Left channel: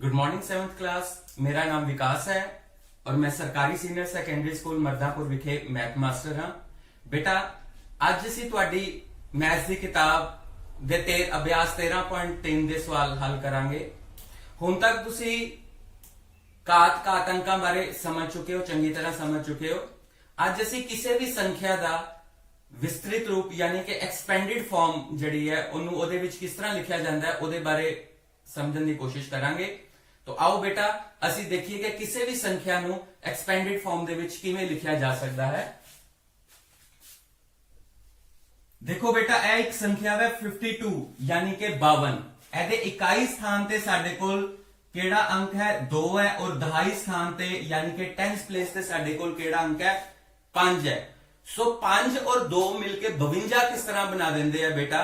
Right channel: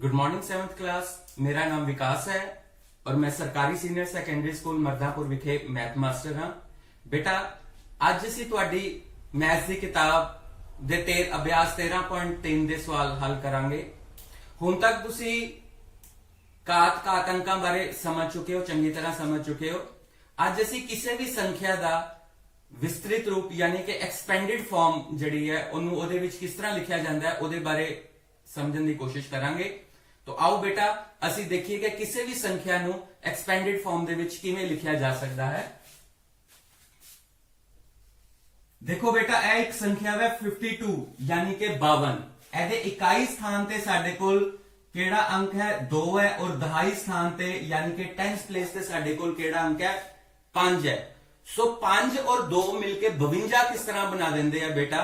Good morning 7th class. मेरा नाम विकास है और मैं सरकारी सीनियर सैकेंडरी स्कूल मरदापुर विखे मैथ मास्टर हाँ। बेटा ਅੱਜ ਅਸੀਂ ਤੁਹਾਡੀ मैथ की किताब ਦੇ अभ्यास 13.3 ਦੇ सवाल हल करांगे। ਹੁਣ तक ਤੁਸੀਂ ਘਾਤ ਅੰਕਾਂ ਬਾਰੇ ਸਮਝ ਚੁੱਕੇ ਹੋ, ਚੰਗੀ ਤਰ੍ਹਾਂ ਸਮਝ ਚੁੱਕੇ ਹੋ। ਅੱਜ ਅਸੀਂ ਕਿਸੇ ਵੀ ਸੰਖਿਆ ਦਾ ਵਿਸਤ੍ਰਿਤ ਰੂਪ ਯਾਨੀ ਕਿ ਐਕਸਪੈਂਡਡ ਫਾਰਮ ਜਿਹੜੀ ਹੈ ਉਹਨੂੰ ਉਹਦੇ ਵਿੱਚ ਕਿਸ ਤਰ੍ਹਾਂ ਲਿਖਿਆ ਜਾਂਦਾ ਹੈ ਉਹਦੇ ਬਾਰੇ ਸਮਝਣ ਦੀ ਕੋਸ਼ਿਸ਼ ਕਰਾਂਗੇ। तो आओ बेटा ਅਸੀਂ देखिए कि किसी भी संख्या ਨੂੰ एक्सपेंडेड फॉर्म ਦੇ ਵਿੱਚ ਕਿਵੇਂ ਲਿਖਿਆ ਜਾ ਸਕਦਾ ਹੈ। देखो बेटा ਇਹ ਇੱਕ ਸੰਖਿਆ ਹੈ 52 यानी कि 52। ਇਹਦੇ ਇਕਾਈ ਸਥਾਨ ਤੇ ਸਾਡੇ ਕੋਲ ਕਿਹੜਾ ਅੰਕ ਹੈ 2 ਹੈ और ਦਹਾਈ ਸਥਾਨ ਤੇ यानी कि 10th ਪਲੇਸ ਤੇ ਸਾਡੇ ਕੋਲ ਕਿਹੜਾ ਅੰਕ ਹੈ 5 ਹੈ। सो 5 और 2 मिलके 52 किस तरह बना देंगे है बेटा।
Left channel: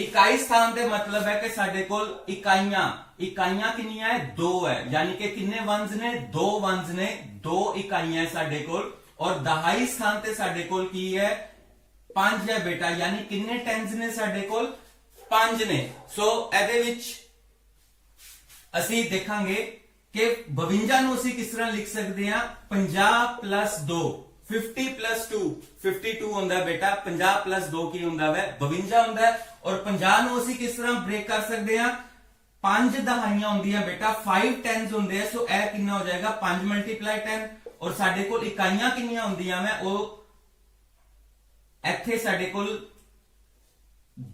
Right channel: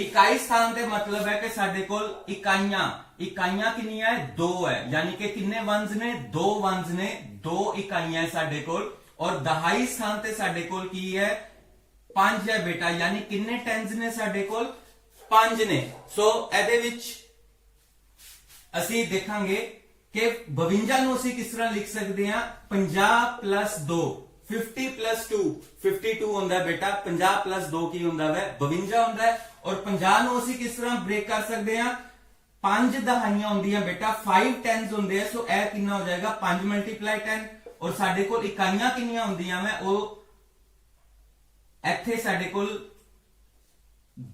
इकाई स्थान ते मतलब है कि साडे कोल इकाइयां किन्नियां है 2 है यानी कि किन्ने वंस ने 2 वंस ने 2 इकाइयां है साडे कोल और दहाई स्थान ते साडे कोल की है 5 है बेटा यानी किन्ने टेंस ने साडे कोल 5 ने। सो एदे विच ਅਸੀਂ ਦੇਖਾਂਗੇ कि 52 ਨੂੰ ਅਸੀਂ ਕਿਸ ਤਰ੍ਹਾਂ ਲਿਖ ਸਕਦੇ ਹਾਂ 50 plus 2 50 plus 2 52 ਹੁੰਦਾ बेटा 50 plus 2 ਕੀ ਹੁੰਦਾ ਹੈ 52 ਹੁੰਦਾ ਹੈ और 50 ਨੂੰ ਅਸੀਂ ਕਿਸ ਤਰ੍ਹਾਂ ਬ੍ਰੇਕ ਕਰ ਸਕਦੇ ਹਾਂ 5 ਦਹਾਈਆਂ ਹੁੰਦੀਆਂ बेटा 5 10s ਹੁੰਦੇ ਆ। ਸੋ ਇਹ ਕਿੰਨਾ ਹੋ ਜਾਏਗਾ 5 × 10 और ਸਾਡੇ ਕੋਲ ਇਕਾਈਆਂ ਕਿੰਨੀਆਂ ਹੁੰਦੀਆਂ ਹੈ ਉਹ ਇੱਥੇ ਸਾਡੇ ਕੋਲ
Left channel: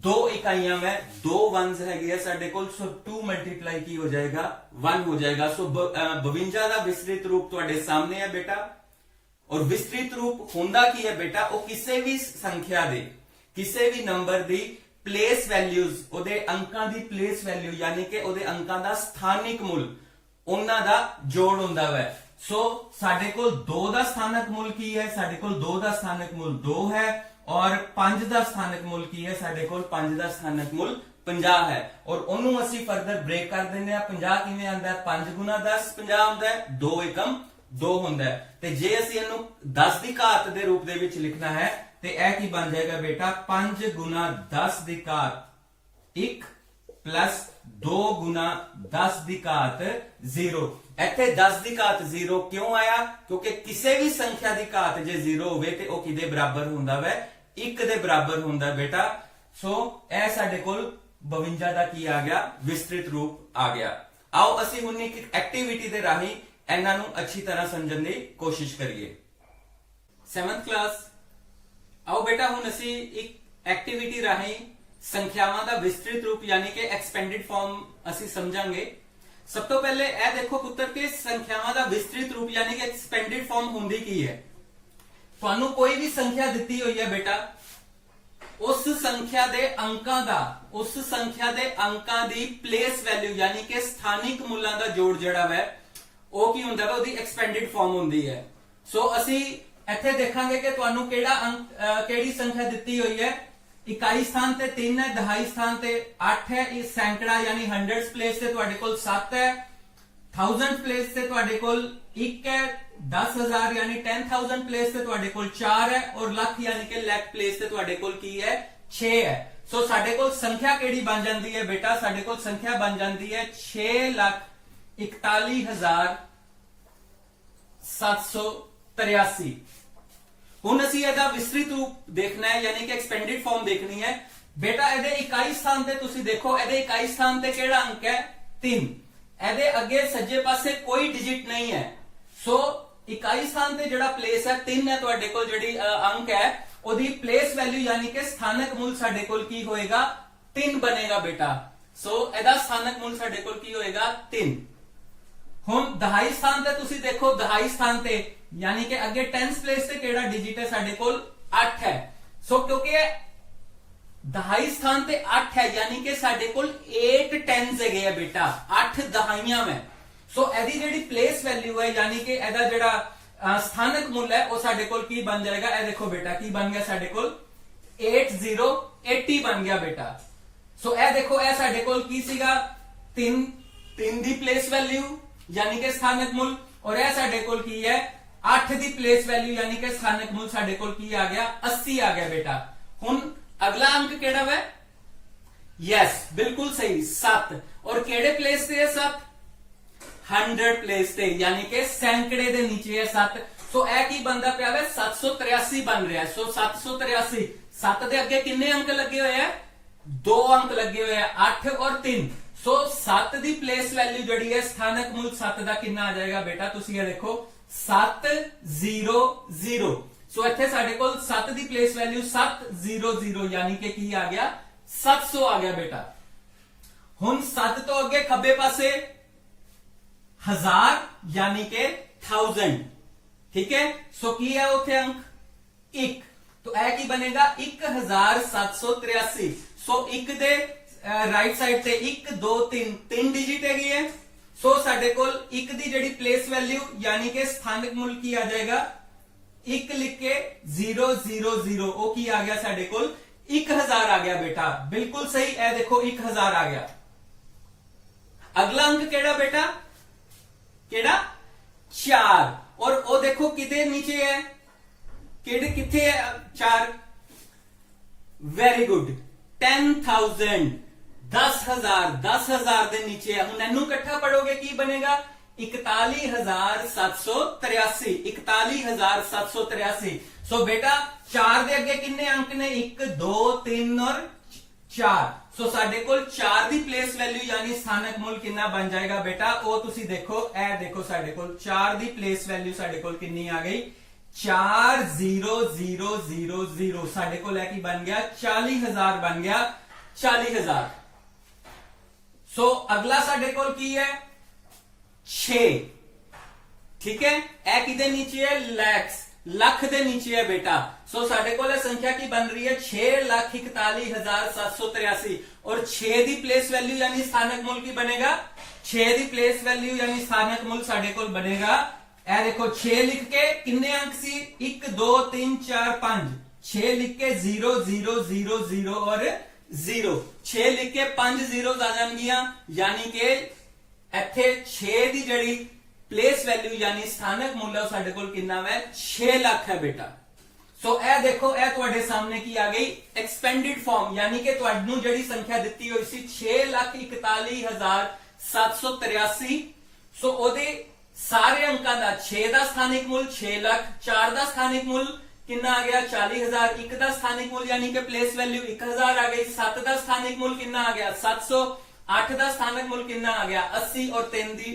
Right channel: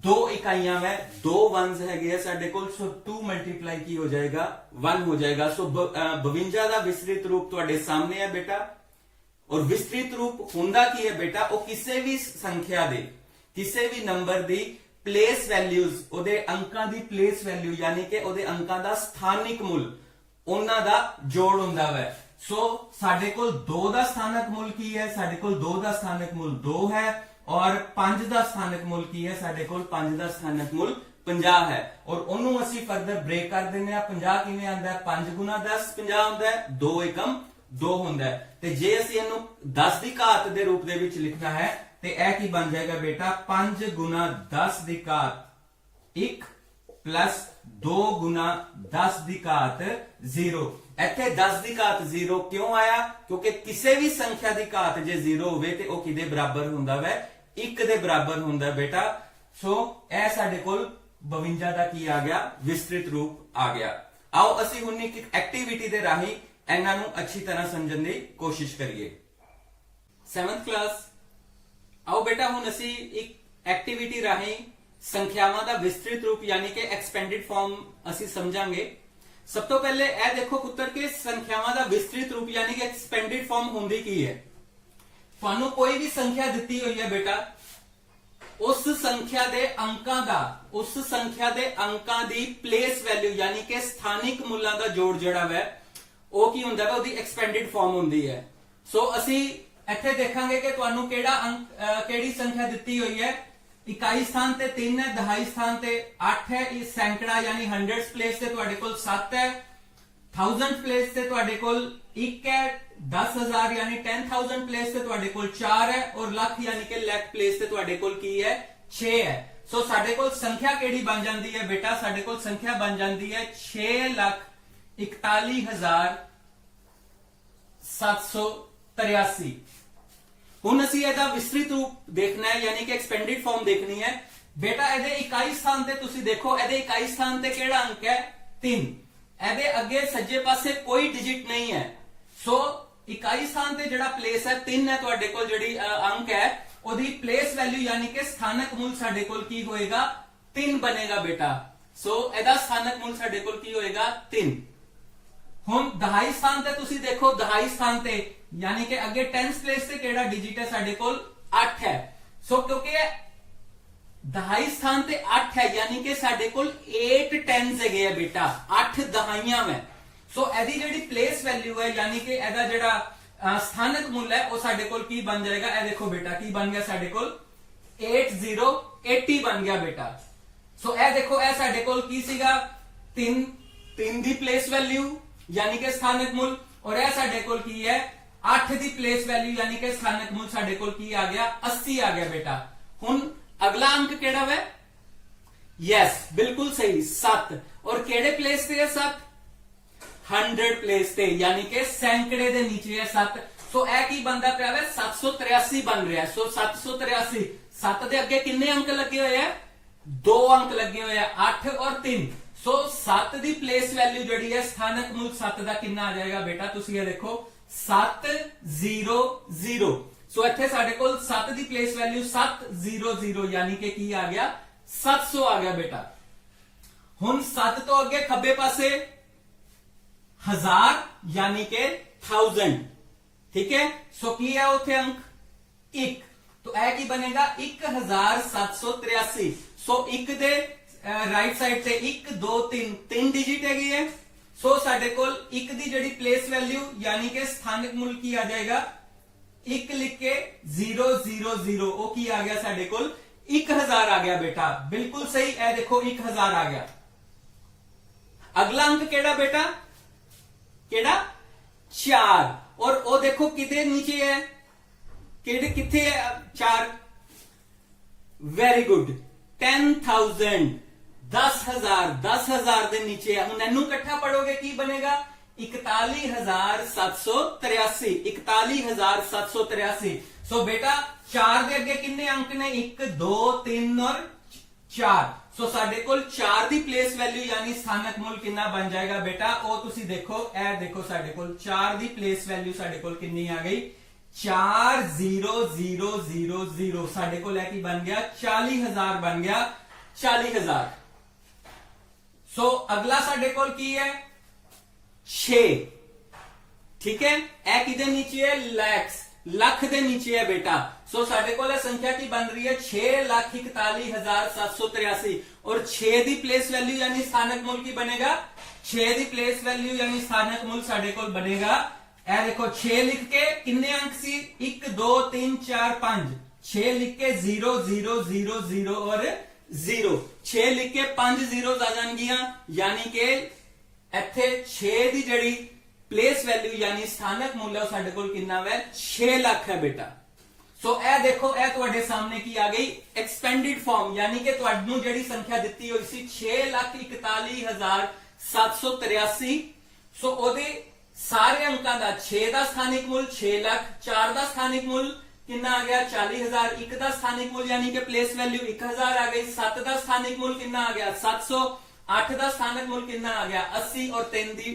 2 इकाइयां है 2 वंस है साडे कोल। सो 2 मल्टीप्लाई की हो जाएगा 1 हो जाएगा। सो 52 का विस्तृत रूप तुहाडे सामने है बेटा और विस्तृत रूप हुंदा की है बेटा वो किसी भी संख्या दे किसी भी नंबर दी प्लेस वैल्यूज ओदे अंकां दी प्लेस वैल्यू यानी कि ओदे अंकां दा स्थानिक मूल उन्हां दा जोड़ हुंदा है। सो साडे कोल 2 दा स्थानक मूल की है साडे कोल 2 दा स्थानक मूल 2 है और 5 ਦਾ ਸਥਾਨਕ ਮੁੱਲ ਕੀ ਹੈ ਸਾਡੇ ਕੋਲ 5 ਦਾ ਸਥਾਨਕ ਮੁੱਲ 50 ਹੈ और ਉਹਨੂੰ ਅਸੀਂ ਫਰਦਰ ਬ੍ਰੇਕ ਕਰ ਦਿੰਦੇ ਆ 50 ਕਿਵੇਂ ਆਉਂਦਾ ਹੈ 5 × 10 50 ਹੁੰਦਾ ਹੈ 2 ਏਕਮ 2 ਹੁੰਦਾ ਹੈ। ਤੇ ਜੇ ਅਸੀਂ ਇਹਨੂੰ 10 ਦੀ ਘਾਤ ਦੇ ਰੂਪ ਦੇ ਵਿੱਚ ਲਿਖਣਾ ਹੈ ਤੇ ਇਹ ਕੀ ਬਣ ਜਾਏਗਾ बेटा 5 × 10 ਦੀ ਘਾਤ 1 प्लस 2 × 10 ਦੀ ਘਾਤ 0। ਇੱਥੇ 10 ਦੀ ਘਾਤ 0 ਕਿਉਂ ਆਇਆ ਕਿਉਂਕਿ ਕਿਸੇ ਵੀ ਸੰਖਿਆ ਦੀ ਘਾਤ ਜੇ 0 ਹੋਵੇ ਤੇ ਉਹ ਕਿਹਦੇ ਬਰਾਬਰ ਹੁੰਦਾ ਹੈ 1 ਦੇ ਬਰਾਬਰ ਹੁੰਦਾ बेटा। ਸੋ ਇਹ ਸਾਡੇ ਕੋਲ 52 ਦਾ ਕੀ ਆ ਗਿਆ ਵਿਸਤ੍ਰਿਤ ਰੂਪ ਆ ਗਿਆ। ਆਓ ਅਸੀਂ ਹੁਣ ਇੱਕ ਐਕਟੀਵਿਟੀ ਦੇ ਰਾਹੀਂ ਇਹਨਾਂ ਨੂੰ ਅੱਛੀ ਤਰ੍ਹਾਂ ਸਮਝਣ ਦੀ ਕੋਸ਼ਿਸ਼ ਕਰੀਏ। 7th ਕਲਾਸ ਆਓ बेटा ਹੁਣ ਅਸੀਂ ਇੱਕ ਐਕਟੀਵਿਟੀ ਰਾਹੀਂ ਸੰਖਿਆਵਾਂ ਦਾ ਵਿਸਤ੍ਰਿਤ ਰੂਪ ਯਾਨੀ ਕਿ ਐਕਸਪੈਂਡਡ ਫਾਰਮ ਅਸੀਂ ਸਮਝਾਂਗੇ। ਸਭ ਤੋਂ ਪਹਿਲੇ ਇਹ ਦੇਖੋ ਪੁੱਤਰ ਕਿ ਸੰਖਿਆਵਾਂ ਦਾ ਵਿਸਤ੍ਰਿਤ ਰੂਪ ਯਾਨੀ ਕਿ ਐਕਸਪੈਂਡਡ ਫਾਰਮ ਹੁੰਦੀ ਕੀ ਹੈ। ਤੁਹਾਨੂੰ ਕੋਈ ਵੀ ਸੰਖਿਆ ਦਿੱਤੀ ਹੋਈ ਹੈ बेटा ਉਸ ਸੰਖਿਆ ਦੇ ਅੰਕਾਂ ਦੀ ਪਲੇਸ ਵੈਲਿਊ ਯਾਨੀ ਕਿ ਸਥਾਨਿਕ ਮੁੱਲਾਂ ਦਾ ਜੋੜ ਜਿਹੜਾ ਹੈ ਉਹ ਕੀ ਹੁੰਦਾ ਹੈ ਉਹਦੀ ਐਕਸਪੈਂਡਡ ਫਾਰਮ ਹੁੰਦੀ ਹੈ। ਸੋ ਅਸੀਂ ਇੱਥੇ ਦੇਖਾਂਗੇ ਕਿ ਤੁਹਾਨੂੰ ਕਿਹੜੀ ਸੰਖਿਆ ਦਿੱਤੀ ਹੋਈ ਹੈ। इकाई स्थान ते 3 है दहाई स्थान ते 8 है इस सैकड़ा यानी 100th प्लेस ते तुहाडे कोल 7 है 1000th प्लेस ते तुहाडे कोल 1 है 10000 यानी 10000 प्लेस ते तुहाडे कोल 4 है और लाख यानी कि लाख प्लेस ते तुहाडे कोल की है 6 है। सो साडे कोल संख्या केड़ी बन जांदी है बेटा साडे कोल संख्या बन जांदी है 6,41,783। ਹੁਣ ਅਸੀਂ ਇਹਦਾ ਵਿਸਤ੍ਰਿਤ ਰੂਪ ਦੇਖਣਾ ਹੈ ਯਾਨੀ ਕਿ ਐਕਸਪੈਂਡਡ ਫਾਰਮ ਦੇਖਣੀ ਹੈ बेटा। ਇਹਦੇ ਇਕਾਈ ਸਥਾਨ ਤੇ ਤੁਸੀਂ ਦੇਖੋ ਇਹਦੇ ਇਕਾਈ ਸਥਾਨ ਤੇ ਕਿਹੜਾ ਅੰਕ ਹੈ 3। ਇਹਦੇ ਅੱਗੇ ਸੱਜੇ ਪਾਸੇ ਕੋਈ ਡਿਜਿਟ ਨਹੀਂ ਹੈ। ਸੋ ਇਕਾਈ ਸਥਾਨ ਤੇ ਜਿਹੜਾ ਪਲੇਸ ਹੈ 3 ਹੈ ਤੁਹਾਡੇ ਕੋਲ ਜਿਹੜੀ ਅੰਕ ਹੈ ਉਹਦੀ ਪਲੇਸ ਵੈਲਿਊ ਯਾਨੀ ਕਿ ਸਥਾਨਕ ਮੁੱਲ ਸਾਡੇ ਕੋਲ ਕੀ ਹੋਏਗਾ 3 ਬਣੇਗਾ बेटा। ਸੋ ਇਹਦਾ ਸਥਾਨਕ ਮੁੱਲ ਸਾਡੇ ਕੋਲ ਕੀ ਹੋਏਗਾ 3। ਹੁਣ ਦਹਾਈ ਸਥਾਨ ਤੇ ਤੁਸੀਂ ਦੇਖੋ ਦਹਾਈ ਸਥਾਨ ਤੇ यानी कि अगे 10th प्लेस से केड़ा डिजिट है साडे कोल 8 है। सो क्योंकि दहाई स्थान ते 8 है यानी कि साडे कोल 8 10s है बेटा 8 दहाइयां में। सो एदी जेडी प्लेस वैल्यू है यानी कि एदा जेड़ा स्थानक मूल्य है वो साडे कोल की बन जाएगा। ए देखो बेटा की बन गया साडे कोल 8080 बन गया बेटा। सो ए देखो ए साडे कोल की सीगा 3 दी प्लेस वैल्यू यानी कि स्थानक मूल और ए साडे कोल की है 8 दी प्लेस वैल्यू यानी कि स्थानक मूल साडे कोल की आ गया 80 आ गया बेटा। हुन अगला अंक केड़ा है यस बिल्कुल सही 7 और केड़े प्लेस पे है 7 100 प्लेस ते यानी कि सैकड़े दे नीचे है 7। सो ए की बनता पिया है 783 बन रहा है। सो 783 7 दे अगे किन्ने अंक लगे हुए हैं? 2 अंक लगे हुए हैं 8 और 3। सो 7 दी प्लेस वैल्यू जड़ी है स्थानक मूल 7 का कितना आ जाएगा बेटा? तुसी ये देखो 700। सो इत्थे साडे कोल 7 दी प्लेस वैल्यू 700 यानी कि की आ गया 700 आ गया बेटा। हुण 7 तो अगे खब्बे पासे 1000 यानी कि 1000। ठीक है। सो की है उथे अंक 1 तो यह की बनेगा 1783। सो 1 दे राइट साइड से 1 2 3 डिजिट है। सो साडे कोल 1 दी जड़ी प्लेस वैल्यू यानी कि स्थानिक मूल की आ जाएगा 1 लिख के 000 ओ की आ गया साडे कोल 1000 आ गया बेटा। बिल्कुल सही। ए देखो 1000 आ गया। अगला अंक केड़ा बेटा? केड़ा? 4। और ओ देखो किते नीचे है? केड़े किथे है 4? वेरी गुड 10,000 10,000 दे नीचे है। हुण इनू इकट्ठा पढ़ोगे की बनेगा? 41,783 41,783। सो बेटा 4 दे अगे किन्ने अंक ने? 1 2 3 और 4। सो साडे कोल 4 दी प्लेस वैल्यू यानी स्थानक मूल कितना बन जाएगा बेटा? ओ तुसी देखो ए देखो साडे कोल 4 दी प्लेस वैल्यू साडे कोल कितनी आ गई? 40,000 साडे कोल की बन गया 40,000 बन गया 40,000। सो अगला साडे कोल की है 6। ठीक है। ए किदे नीचे है? लैक्स लख दे नीचे है बेटा। सो साडे कोल संख्या की बन रही है 6,41,783 और 6 दी प्लेस वैल्यू यानी स्थानक मूल की बनेगा 6 दी प्लेस वैल्यू यानी स्थानक मूल साडे कोल बनेगा ए देखो 6 लिख के किन्ने अंक सी? 1 2 3 4 5 6 लिख के 0 0 0 0 और 0 6 लिख के 5 zeros आ जाएंगियां यानी कि इत्थे 6 दी जड़ी प्लेस वैल्यू यानी स्थानक मूल्य साडे कोल कितना है? 6 लाख है बेटा। सो ए देखो ए तुहाडे सामने की आ गई एक्सपेंडेड फॉर्म यानी कि तुहानू जड़ी संख्या दित्ती हुई सी 6,41,783। सो ओदे सारे अंकां दा 6 दा स्थानिक मूल 6 लाख, 4 दा स्थानिक मूल कितना आ गया 40,000, 1 दा स्थानिक मूल यानी कि प्लेस वैल्यू 1000 आ गई, 7 दा स्थानिक मूल कितना आ गया 700, 8 दा स्थानिक मूल कितना आ गया 80 और 3 दी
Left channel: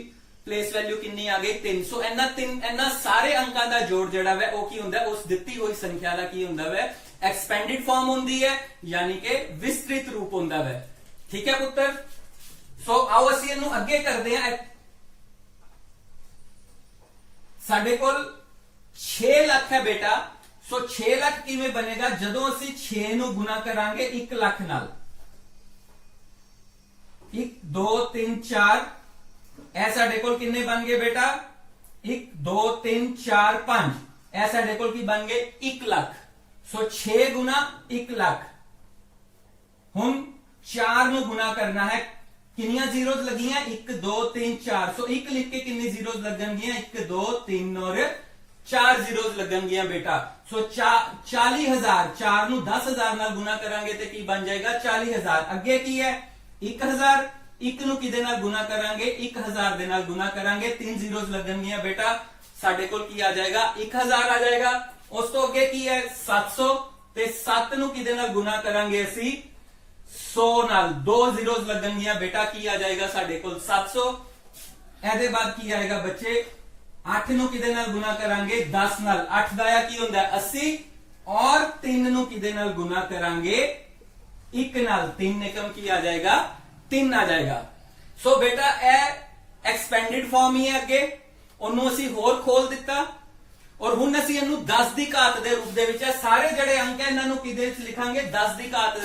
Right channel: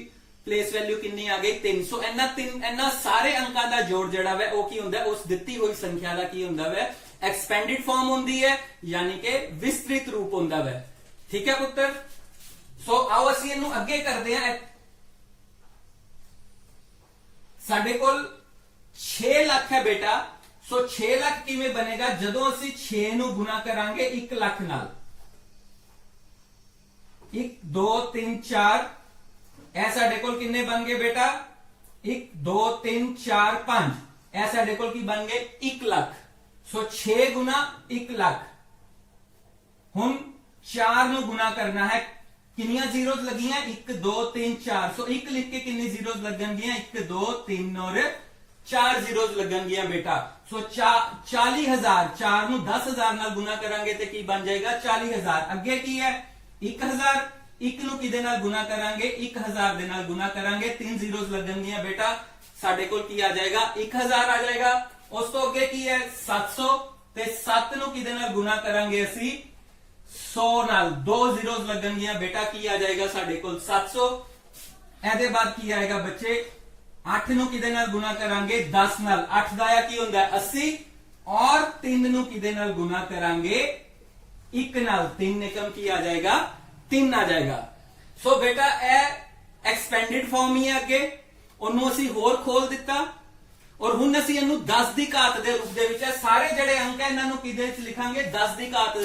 प्लेस वैल्यू कितनी आ गई 300। इन्ना सारे अंकां दा जोड़ जड़ा है वो की हुंदा है? उस दित्ती हुई संख्या दा की हुंदा है? एक्सपेंडेड फॉर्म हुंदी है यानी कि विस्तृत रूप हुंदा है। ठीक है पुत्र। सो आओ असीं इहनूं अगे करदे हां। साडे कोल 6 लाख है बेटा। सो 6 लाख किवें बनेगा? जदों असीं 6 नूं गुना करांगे 1 लाख नाल। 1 2 3 4 ए साडे कोल किन्ने बन गए बेटा? 1 2 3 4 5 ए साडे कोल की बन गए 1 लाख। सो 6 गुना 1 लाख। हुण 4 नूं गुना करना है। कितनियां जीरोज लगी हैं? 1 2 3 4। सो 1 लिख के कितनी जीरोज लगनगियां? 1 2 3 और 4 जीरोज लगनगियां बेटा। सो 40,000 4 नूं 10,000 नाल गुना करांगे ते की बन जाएगा 40,000। अगे की है 1,000 1 नूं किदे नाल गुना करांगे? 1,000 दे नाल गुना करांगे 3 जीरोज लगनगियां बेटा। साडे कोल की आ जाएगा 1,000 आ जाएगा। उस तो अगे की है 700 ते 7 नूं किदे नाल गुना करांगे असी 100 नाल 2 जीरोज लगनगियां बेटा। की आ जाएगा साडे कोल 700। एदे बाद की आएगा बच्चे 8 नूं किदे नाल गुना करांगे 10 नाल। 8 दा की हुंदा है 80 और 3 नूं किदे नाल गुना करांगे 1 नाल। 3 निकम की आ जाएगा 3 आ जाएगा। सो बेटा ए एक्सपेंडेड फॉर्म ही है। अगे ओनू असी होर खोल दिता और हुण असी इहनूं 10 दी घात दे रूप दे विच सारे जड़े अंक है इन्हां नूं किदे विच लिखांगे? 10 दी घात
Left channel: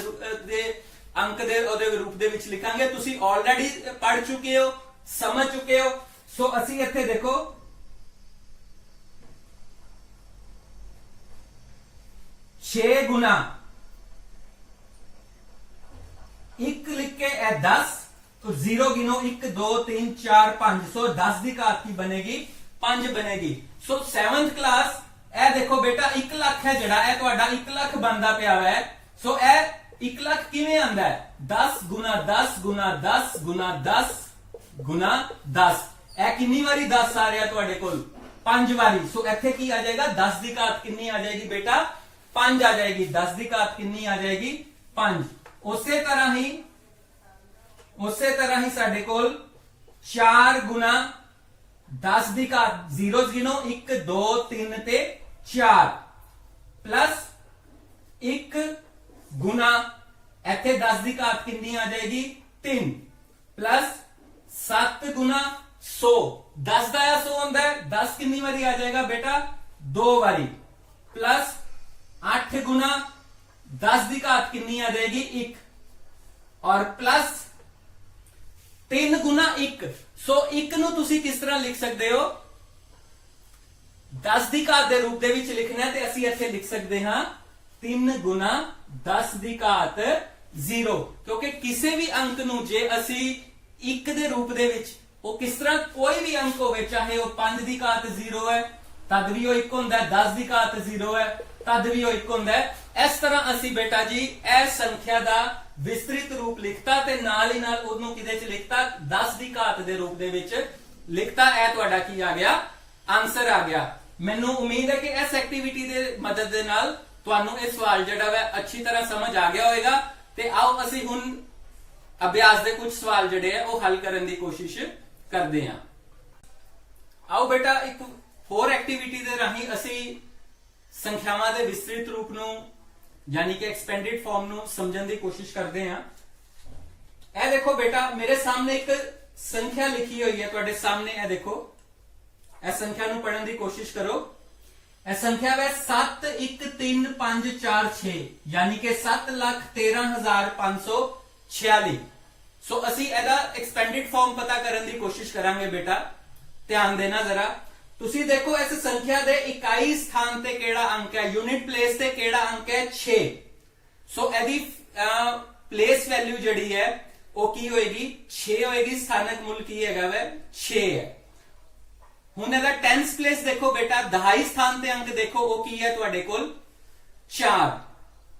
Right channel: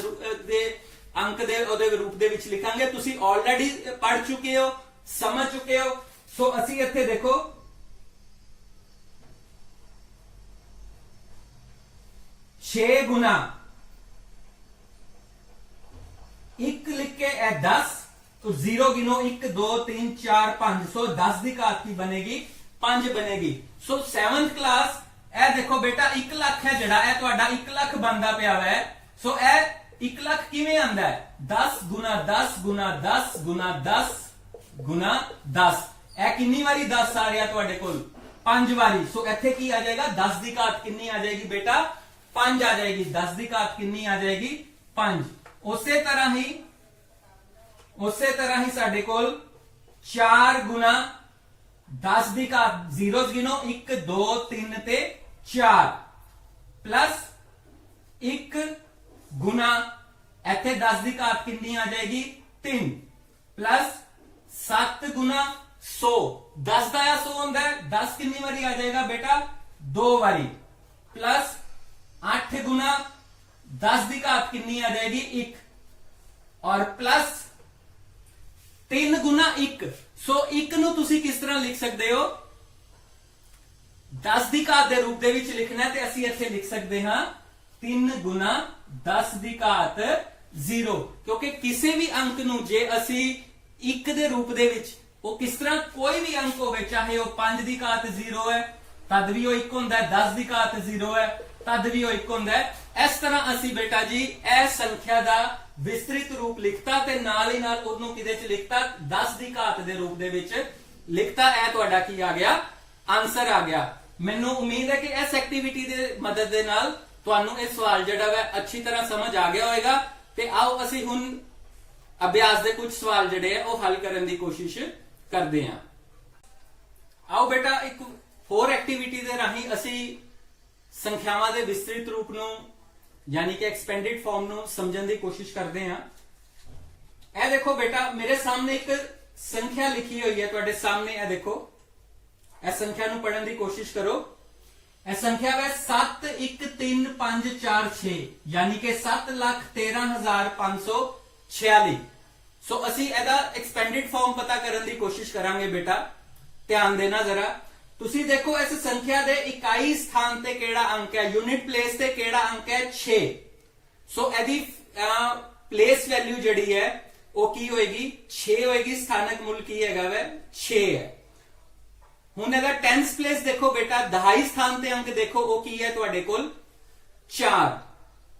दे अंक दे ओदे रूप दे विच लिखांगे। तुसी ऑलरेडी पढ़ चुके हो, समझ चुके हो। सो असी इत्थे देखो 6 गुना 1 लिख के 10 तो 0 गिनो 1 2 3 4 5। सो 10 दी घात की बनेगी 5 बनेगी। सो 7th क्लास ए देखो बेटा 1 लाख है जड़ा ए तुहाडा 1 लाख बनदा पिया है। सो ए 1 लाख किवें आंदा है? 10 गुना 10 गुना 10 गुना 10 गुना 10। ਇਹ ਕਿੰਨੀ ਵਾਰੀ 10 ਆ ਰਿਹਾ ਤੁਹਾਡੇ ਕੋਲ 5 ਵਾਰੀ। ਸੋ ਇੱਥੇ ਕੀ ਆ ਜਾਏਗਾ 10 ਦੀ ਘਾਤ ਕਿੰਨੀ ਆ ਜਾਏਗੀ ਬੇਟਾ 5 ਆ ਜਾਏਗੀ। 10 ਦੀ ਘਾਤ ਕਿੰਨੀ ਆ ਜਾਏਗੀ 5। ਉਸੇ ਤਰ੍ਹਾਂ ਹੀ ਸਾਡੇ ਕੋਲ 4 ਗੁਣਾ 10 ਦੀ ਘਾਤ ਜ਼ੀਰੋਜ਼ ਗਿਣੋ 1 2 3 ਤੇ 4 ਪਲੱਸ 1 ਗੁਣਾ ਇੱਥੇ 10 ਦੀ ਘਾਤ ਕਿੰਨੀ ਆ ਜਾਏਗੀ 3 ਪਲੱਸ 7 ਗੁਣਾ 100 10 ਦਾ 100 ਹੁੰਦਾ ਹੈ 10 ਕਿੰਨੀ ਵਾਰੀ ਆ ਜਾਏਗਾ ਬੇਟਾ 2 ਵਾਰੀ ਪਲੱਸ 8 ਗੁਣਾ 10 ਦੀ ਘਾਤ ਕਿੰਨੀ ਆ ਜਾਏਗੀ 1 और प्लस 3 गुना 1। सो 1 ਨੂੰ ਤੁਸੀਂ ਕਿਸ ਤਰ੍ਹਾਂ ਲਿਖ ਸਕਦੇ ਹੋ 10 ਦੀ ਘਾਤ ਦੇ ਰੂਪ ਦੇ ਵਿੱਚ ਲਿਖਣਾ ਹੈ ਤੇ ਅਸੀਂ ਇੱਥੇ ਲਿਖ ਸਕਦੇ ਹਾਂ 3 ਗੁਣਾ 10 ਦੀ ਘਾਤ 0 ਕਿਉਂਕਿ ਕਿਸੇ ਵੀ ਅੰਕ ਨੂੰ ਜੇ ਅਸੀਂ 1 ਦੇ ਰੂਪ ਦੇ ਵਿੱਚ ਉਹ ਕਿਸ ਤਰ੍ਹਾਂ ਕੋਈ ਵੀ ਅੰਕ ਹੋਵੇ ਚਾਹੇ ਉਹ 5 ਦੀ ਘਾਤ 0 ਹੈ ਤਦ ਵੀ ਉਹ 1 ਹੁੰਦਾ ਹੈ 10 ਦੀ ਘਾਤ 0 ਹੈ ਤਦ ਵੀ ਉਹ 1 ਹੁੰਦਾ ਹੈ। ਇਸ ਤਰ੍ਹਾਂ ਅਸੀਂ ਬੇਟਾ ਜੀ ਇਹ ਸੰਖਿਆ ਦਾ ਵਿਸਤ੍ਰਿਤ ਰੂਪ ਲਿਖਤਾ ਤੇ ਨਾਲ ਹੀ ਨਾਲ ਉਹਨੂੰ ਕਿਹਦੇ ਚ ਲਿਖਤਾ 10 ਦੀ ਘਾਤ ਦੇ ਰੂਪ ਦੇ ਵਿੱਚ ਲਿਖਤਾ। ਇਹ ਤੁਹਾਡਾ ਕੀ ਆ ਗਿਆ ਆਨਸਰ ਆ ਗਿਆ। ਮੈਨੂੰ ਉਮੀਦ ਹੈ ਕਿ ਇਸ ਐਕਟੀਵਿਟੀ ਦੇ ਮਦਦ ਦੇ ਨਾਲ ਤੁਹਾਨੂੰ ਇਹ ਸਵਾਲ ਜਿਹੜਾ ਹੈ ਅੱਛੀ ਤਰ੍ਹਾਂ ਸਮਝ ਆ ਗਿਆ ਹੋਵੇਗਾ ਤੇ ਆਓ ਅਸੀਂ ਹੁਣ ਅਭਿਆਸ ਦੇ ਕੁਝ ਸਵਾਲ ਜਿਹੜੇ ਆ ਉਹ ਹੱਲ ਕਰਨ ਦੀ ਕੋਸ਼ਿਸ਼ ਕਰਦੇ ਹਾਂ। ਆਓ ਬੇਟਾ ਇੱਕ ਹੋਰ ਐਕਟੀਵਿਟੀ ਦੇ ਰਾਹੀਂ ਅਸੀਂ ਸੰਖਿਆਵਾਂ ਦੇ ਵਿਸਤ੍ਰਿਤ ਰੂਪ ਨੂੰ यानी कि एक्सपेंडेड फॉर्म ਨੂੰ ਸਮਝਣ ਦੀ ਕੋਸ਼ਿਸ਼ ਕਰਦੇ ਹਾਂ। ਇਹ ਦੇਖੋ ਬੇਟਾ ਮੇਰੇ ਸਾਹਮਣੇ ਇੱਕ ਸੰਖਿਆ ਲਿਖੀ ਹੋਈ ਹੈ ਤੁਹਾਡੇ ਸਾਹਮਣੇ ਇਹ ਦੇਖੋ ਇਹ ਸੰਖਿਆ ਨੂੰ ਪੜਨ ਦੀ ਕੋਸ਼ਿਸ਼ ਕਰੋ। ਇਹ ਸੰਖਿਆ ਹੈ 713546 यानी कि 7,13,546। ਸੋ ਅਸੀਂ ਇਹਦਾ ਐਕਸਪੈਂਡਡ ਫਾਰਮ ਪਤਾ ਕਰਨ ਦੀ ਕੋਸ਼ਿਸ਼ ਕਰਾਂਗੇ ਬੇਟਾ ਧਿਆਨ ਦੇਣਾ ਜ਼ਰਾ। ਤੁਸੀਂ ਦੇਖੋ ਇਸ ਸੰਖਿਆ ਦੇ ਇਕਾਈ ਸਥਾਨ ਤੇ ਕਿਹੜਾ ਅੰਕ ਹੈ ਯੂਨਿਟ ਪਲੇਸ ਤੇ ਕਿਹੜਾ ਅੰਕ ਹੈ 6। ਸੋ ਇਹਦੀ ਪਲੇਸ ਵੈਲਿਊ ਜਿਹੜੀ ਹੈ ਉਹ ਕੀ ਹੋਏਗੀ 6 ਹੋਏਗੀ। ਸਥਾਨਕ ਮੁੱਲ ਕੀ ਹੈਗਾ ਵੇ 6 ਹੈ। ਹੁਣ ਇਹਦਾ 10th ਪਲੇਸ ਦੇਖੋ ਬੇਟਾ ਦਹਾਈ ਸਥਾਨ ਤੇ ਅੰਕ ਦੇਖੋ ਉਹ ਕੀ ਹੈ ਤੁਹਾਡੇ ਕੋਲ 4।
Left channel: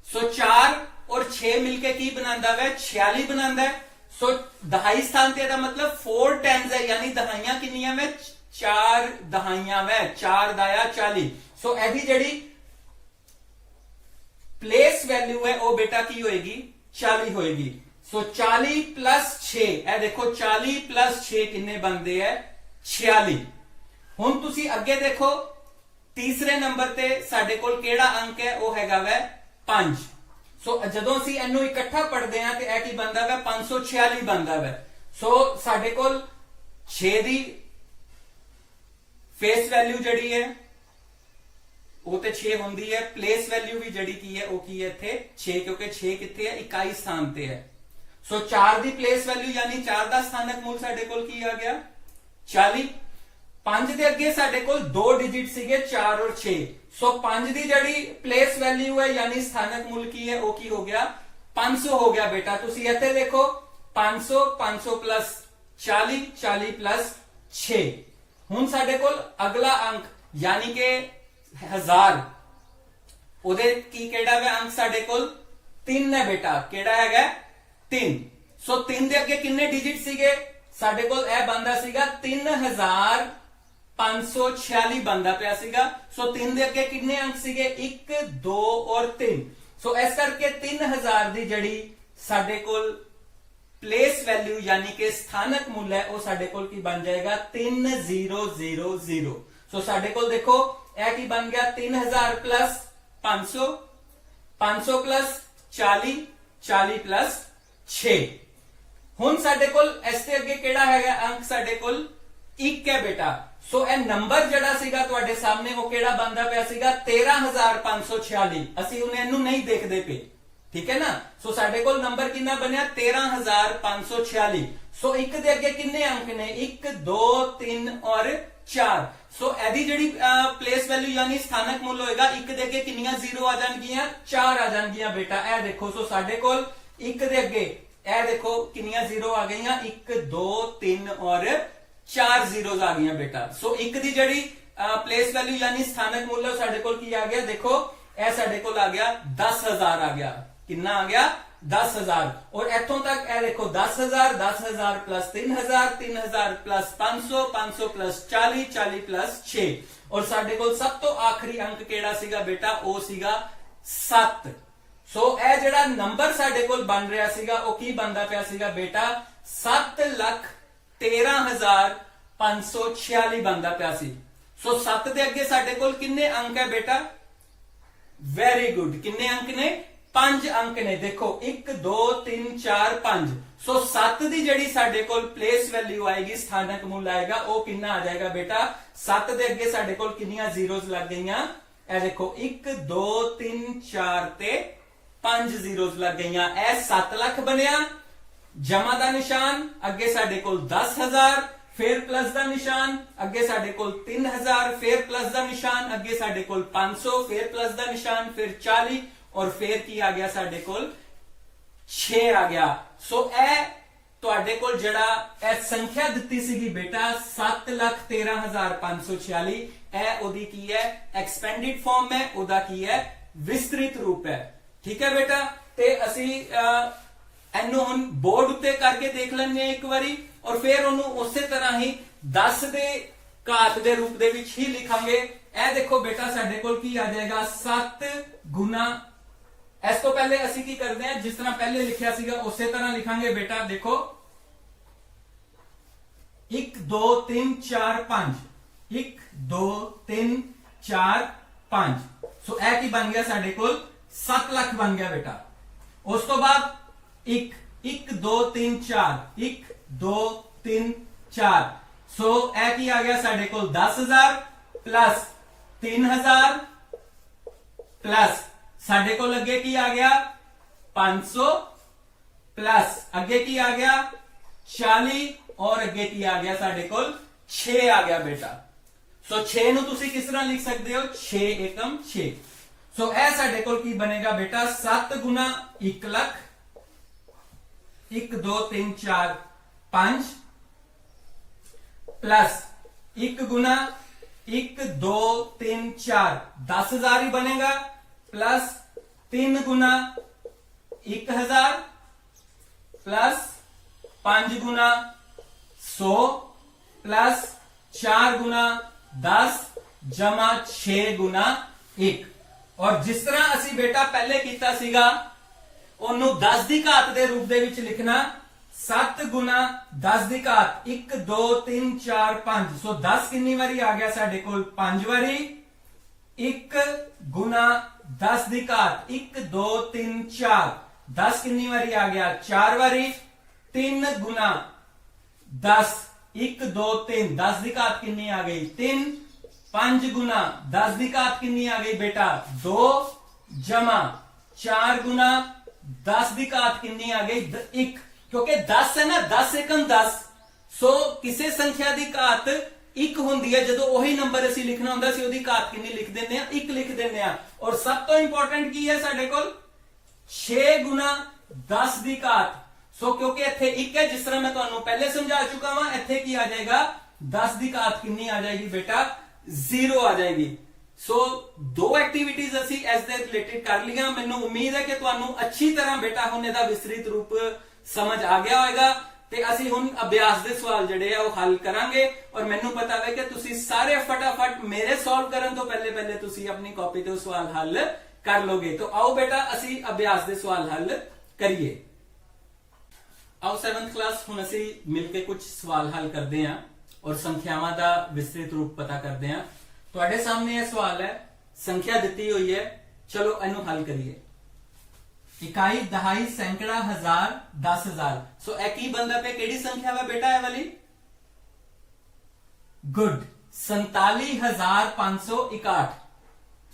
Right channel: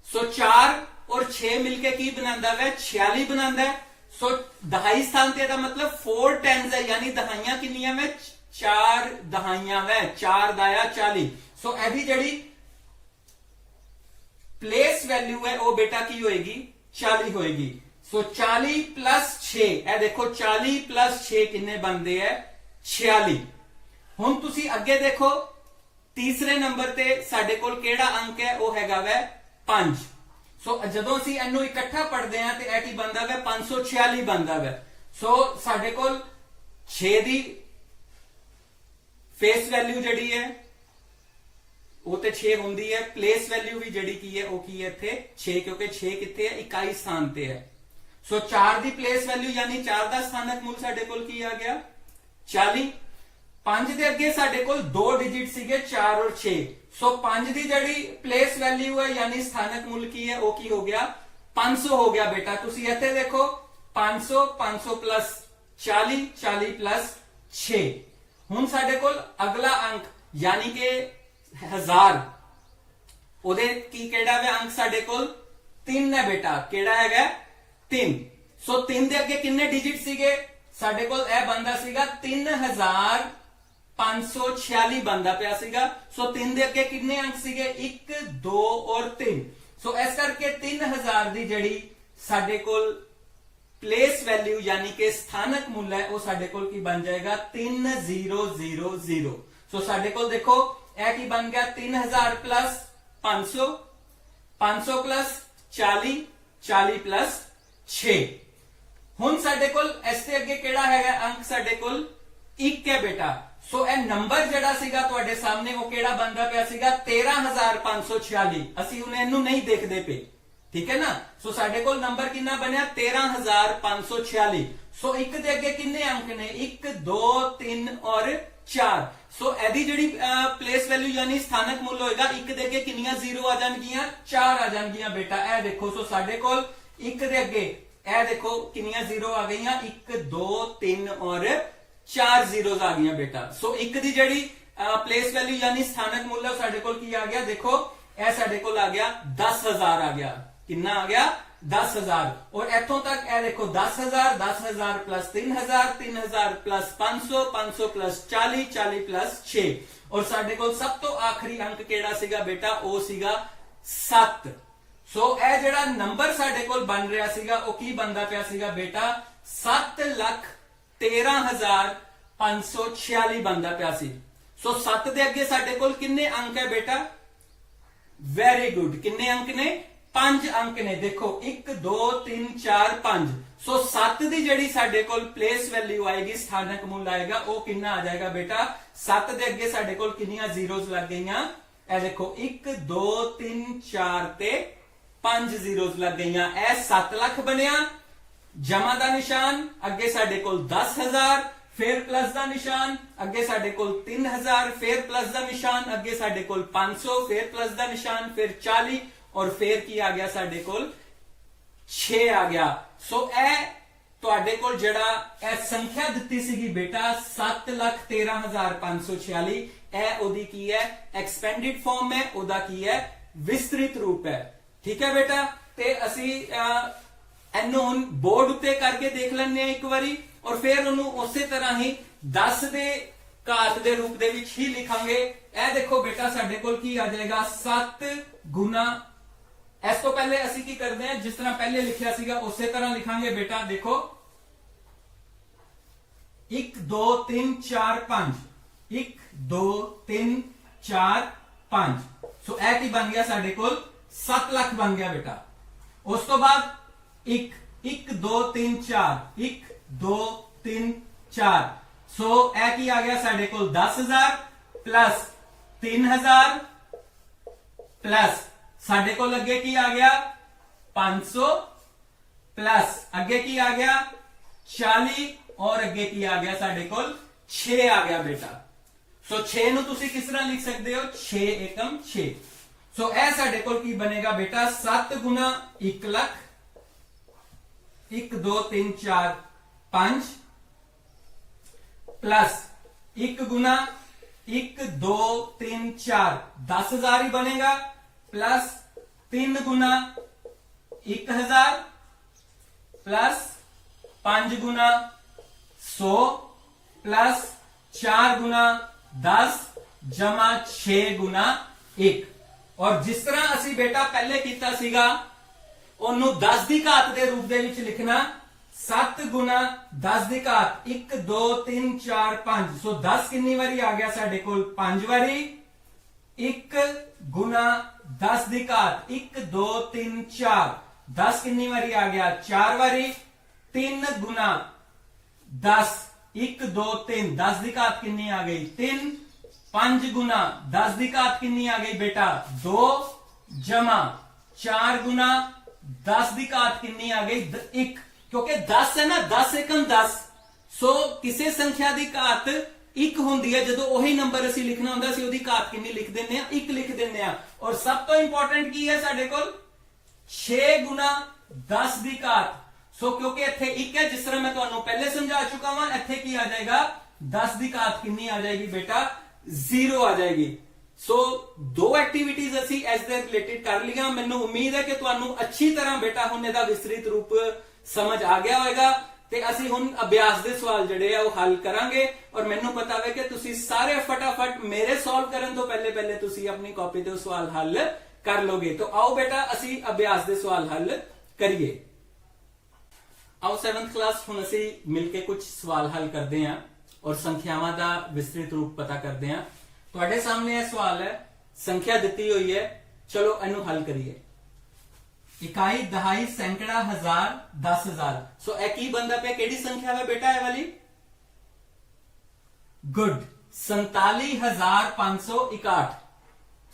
ਸੋ 4 और 6 मिलके की बनाता है 46 बनाता है। सो दहाई स्थान ते ਇਹਦਾ मतलब 4 10s है यानी दहाइयां कितनियां में 4 दहाइयां में 4 दाया 40। सो ਇਹਦੀ ਜਿਹੜੀ प्लेस वैल्यू है वो बेटा की होएगी 40 होएगी। सो 40 प्लस 6 ਇਹ देखो 40 प्लस 6 किन्ने बनते हैं 46। ਹੁਣ ਤੁਸੀਂ ਅੱਗੇ ਦੇਖੋ ਤੀਸਰੇ ਨੰਬਰ ਤੇ ਸਾਡੇ ਕੋਲ ਕਿਹੜਾ ਅੰਕ ਹੈ ਉਹ ਹੈਗਾ ਵੈ 5। ਸੋ ਜਦੋਂ ਅਸੀਂ ਇਹਨੂੰ ਇਕੱਠਾ ਪੜ੍ਹਦੇ ਹਾਂ ਤੇ ਇਹ ਕੀ ਬਣਦਾ ਵੈ 546 ਬਣਦਾ ਵੈ। ਸੋ ਸਾਡੇ ਕੋਲ 6 ਦੀ ਫੇਸ ਵੈਲਿਊ ਜਿਹੜੀ ਹੈ ਉਹ ਤੇ 6 ਹੁੰਦੀ ਹੈ। ਪਲੇਸ ਵੈਲਿਊ ਵੀ ਜਿਹੜੀ ਕੀ ਹੈ ਉਹ ਕੀ ਹੈ ਇੱਥੇ 6 ਕਿਉਂਕਿ 6 ਕਿੱਥੇ ਹੈ ਇਕਾਈ ਸਥਾਨ ਤੇ ਹੈ। ਸੋ 4 ਦੀ ਪਲੇਸ ਵੈਲਿਊ ਯਾਨੀ 4 ਦਾ ਸਥਾਨਕ ਮੁੱਲ ਸਾਡੇ ਕੋਲ ਕੀ ਆ ਗਿਆ 40। 5 ਦੇ ਅੱਗੇ ਸਾਡੇ ਕੋਲ 2 ਡਿਜਿਟ ਸੀਗੇ 4 और 6। ਸੋ 5 ਦੀ ਜਿਹੜੀ ਪਲੇਸ ਵੈਲਿਊ ਹੈ ਯਾਨੀ ਸਥਾਨਕ ਮੁੱਲ ਕੀ ਹੈ ਉਹ ਕੀ ਹੋ ਗਿਆ 500 ਹੋ ਗਿਆ ਬੇਟਾ। ਤੁਸੀਂ ਇੱਥੇ ਦੇਖੋ 500 500 ਪਲੱਸ 40 40 ਪਲੱਸ 6। ਹੁਣ ਸਾਡੇ ਕੋਲ ਅਗਲਾ ਅੰਕ ਯਾਨੀ ਕਿ 1000 ਉਹਦੇ ਕੀ ਕਿਹੜਾ ਹੈ ਅੰਕ ਸਾਡੇ ਕੋਲ 3 ਹੈ ਬੇਟਾ। ਕਿਹੜਾ ਹੈਗਾ 3। ਸੋ 3 ਦੇ ਅੱਗੇ ਕਿੰਨੇ ਡਿਜਿਟ ਸੀਗੇ ਸਾਡੇ ਕੋਲ ਇਹ ਬੰਦਾ ਸੀਗਾ 3546 ਬੰਦਾ ਪਿਆ ਸੀਗਾ। ਸੋ 3 ਦੇ ਅੱਗੇ ਕਿੰਨੇ ਅੰਕ ਸੀਗੇ 1 2 और 3। ਸੋ ਇਸ ਕਰਕੇ 3000 ਦੀ ਜਿਹੜੀ ਸਾਡੇ ਕੋਲ ਪਲੇਸ ਵੈਲਿਊ ਯਾਨੀ ਕਿ ਸਥਾਨਕ ਮੁੱਲ ਹੈ ਉਹ ਸਾਡੇ ਕੋਲ ਕੀ ਬਣ ਜਾਏਗਾ 3000। ਸੋ ਸਾਡੇ ਕੋਲ ਦੇਖੋ ਇਹ ਕੀ ਬਣ ਗਿਆ 3000 ਪਲੱਸ 500 500 ਪਲੱਸ 40 40 ਪਲੱਸ 6। ਹੁਣ ਸਾਡੇ ਕੋਲ ਇਸ ਦੇ ਅੱਗੇ ਕਿਹੜਾ ਹੈਗਾ ਅੰਕ ਸਾਡੇ ਕੋਲ 1 ਹੈ ਬੇਟਾ। ਸੋ ਇਹ ਨੰਬਰ ਜਿਹੜਾ ਸੀਗਾ ਤੁਹਾਡੇ ਸਾਹਮਣੇ ਉਹ ਕਿਹੜਾ ਬਣਦਾ ਪਿਆ ਸੀਗਾ 13546। ਅਸੀਂ ਹੁਣ ਇਹਨੂੰ ਨਹੀਂ ਦੇਖਦੇ ਪਏ ਠੀਕ ਹੈ ਨਾ। ਸੋ ਸਾਡੇ ਕੋਲ ਨੰਬਰ ਕਿੰਨਾ ਬਣਿਆ 13546। ਸੋ 1 ਦੇ ਅੱਗੇ ਕਿੰਨੇ ਅੰਕ ਨੇ 1 2 3 और 4। ਸੋ ਇਹਦੀ ਜਿਹੜੀ ਪਲੇਸ ਵੈਲਿਊ ਯਾਨੀ ਸਥਾਨਕ ਮੁੱਲ ਹੋਏਗਾ 1 ਦੇ ਅੱਗੇ ਕਿੰਨੀਆਂ 0 ਆ ਜਾਣਗੀਆਂ 4 ਆ ਜਾਣਗੀਆਂ ਬੇਟਾ। ਇਹ ਦੇਖੋ ਸੋ ਸਾਡੇ ਕੋਲ 1 ਦੇ ਅੱਗੇ ਇਹ ਦੇਖੋ ਕਿੰਨੀਆਂ 0 ਆ ਗਈਆਂ 1 2 3 और 4 zeros ਆ ਗਈਆਂ ਬੇਟਾ। ਸੋ 1 ਦੀ ਜਿਹੜੀ ਪਲੇਸ ਵੈਲਿਊ ਯਾਨੀ ਸਥਾਨਕ ਮੁੱਲ ਸਾਡੇ ਕੋਲ ਕੀ ਆ ਗਿਆ ਦੇਖੋ ਇਹ ਸਾਡੇ ਕੋਲ ਆ ਗਿਆ 10000 ਆ ਗਿਆ। ਕਿੰਨਾ ਆ ਗਿਆ 10,000 और इथों तक ए देखो 10,000 10,000 प्लस 3,000 3,000 प्लस 500 500 प्लस 40 40 प्लस 6 और साडे कोल सब तो आखिरी अंक केड़ा सीगा बेटा ओ सीगा 7। सो ए जेड़ा नंबर साडे कोल बन रहा सीगा ओ की बनदा पिया सीगा बेटा 7,13,546 बनदा पिया सी। सो 7 दे अगे साडे कोल किन्ने अंक है बेटा? वेरी गुड, किन्ने अंक ने? 5 अंक ने। देखो 1 2 3 4 5। सो 7 दी जड़ी साडे कोल प्लेस वैल्यू आएगी, स्थानक मूल आएगा, वो किन्ना आ जाएगा बेटा? 7 दे अगे साडे कोल किन्नियां जीरोज लग गईयां? ए देखो 1 2 3 4 ते 5 जीरोज लग गईयां। ए 7 लाख बनया। जमा दा निशान अगे साडे कोल 10,000, फिर प्लस दा निशान अगे साडे कोल 3,000, फिर प्लस दा निशान अगे साडे कोल 500, फिर प्लस दा निशान, फिर 40 और फिर की आ गया साडे कोल 6 आ गया। सो ए तुहाडे कोल जेड़ा ए संख्या दित्ती सीगी बेटा 7,13,546, ए ओदी की है? एक्सपेंडेड फॉर्म है, ओदा की है? विस्तृत रूप है। ठीक है बेटा, ते असी एनू हुण बोर्ड उत्ते करके देख लैंदे एक बारी और फिर उन्होंने उस तरह ही 10 दे घात दे रूप दे विच ही लिखांगे। ए देखो बेटा साडे कोल की आ जाएगा 7 गुना, इस तो पहले असी की करते हैं जिस तरह पहले लिखा सीगा उस तरह लिखांगे बेटा। देखो 1 2 3 4 5, 1 2 3 4 5। सो ए की बन गया साडे कोल 7 लाख बन गया बेटा। उस तो बाद 1 2 3 4, 1 2 3 4। सो ए की आ गया साडे कोल 10,000 प्लस 3,000 प्लस साडे कोल अगे की आ गया 500 प्लस अगे की आ गया 40 और अगे की आ गया साडे कोल 6 आ गया बेटा। सो 6 नु तुसी किस तरह लिख सकते हो? 6 एकम 6। सो ए साडे कोल की बनेगा बेटा 7 गुना 1 लाख, 1 2 3 4 5 प्लस 1 गुना 1 2 3 4 10,000 ही बनेगा, प्लस 3 गुना 1,000 प्लस 5 गुना 100 प्लस 4 गुना 10 जमा 6 गुना 1। और जिस तरह असी बेटा पहले कीता सीगा ਉਹਨੂੰ 10 ਦੀ ਘਾਤ ਦੇ ਰੂਪ ਦੇ ਵਿੱਚ ਲਿਖਣਾ 7 ਗੁਣਾ 10 ਦੀ ਘਾਤ 1 2 3 4 5। ਸੋ 10 ਕਿੰਨੀ ਵਾਰੀ ਆ ਗਿਆ ਸਾਡੇ ਕੋਲ? 5 ਵਾਰੀ। 1 ਗੁਣਾ 10 ਦੀ ਘਾਤ 1 2 3 4, 10 ਕਿੰਨੀ ਵਾਰੀ ਆ ਗਿਆ? 4 ਵਾਰੀ। 3 ਗੁਣਾ 10 1 2 3, 10 ਦੀ ਘਾਤ ਕਿੰਨੀ ਆ ਗਈ? 3। 5 ਗੁਣਾ 10 ਦੀ ਘਾਤ ਕਿੰਨੀ ਆ ਗਈ बेटा? 2 जमा 4 गुना 10 ਦੀ ਘਾਤ ਕਿੰਨੀ ਆ ਗਈ? 1। क्योंकि 10 है ना, 10 एकम 10। सो किसी संख्या की घात 1 होंदी है, जो वही नंबर असी लिखना होंदा सी ओदी घात कितनी लिख देने 1 लिख देने। और सब तो इंपॉर्टेंट की है साडे कोल 6 गुना 10 की घात। सो क्योंकि इत्थे 1 है, जिस तरह मैं तुहानू पहले समझा चुका वा, इत्थे की आ जाएगा 10 की घात कितनी आ जाएगी बेटा? 0 आ जाएगी। सो 2 एक्टिविटीज असी इस दे रिलेटेड कर लिया। मैनू उम्मीद है कि तुहानू अच्छी तरह बेटा हुण इहदा विस्तृत रूप समझ आ गया होगा। ते असी हुण अभ्यास दे सवाल जिहड़े आ हल करांगे और मैनू पता है कि तुसी सारे फटाफट मेरे सॉल्व करन तो पहले तुसी अपनी कॉपी ते सवाल हल कर लोगे। तो आओ बेटा असी अभ्यास दे सवाल हल करिए। आओ 7th क्लास हुण असी मिलके कुछ सवाल हल करते हैं और संख्यावां दा विस्तृत रूप पता करते हैं। तुहाडे सामने यह सवाल है, संख्या दी हुई है, चलो इनू हल करिए। इकाई, दहाई, सैकड़ा, हजार, 10,000। सो ए की बनदा पे केड़ी संख्या है बेटा? ए वाली गुड 47,561।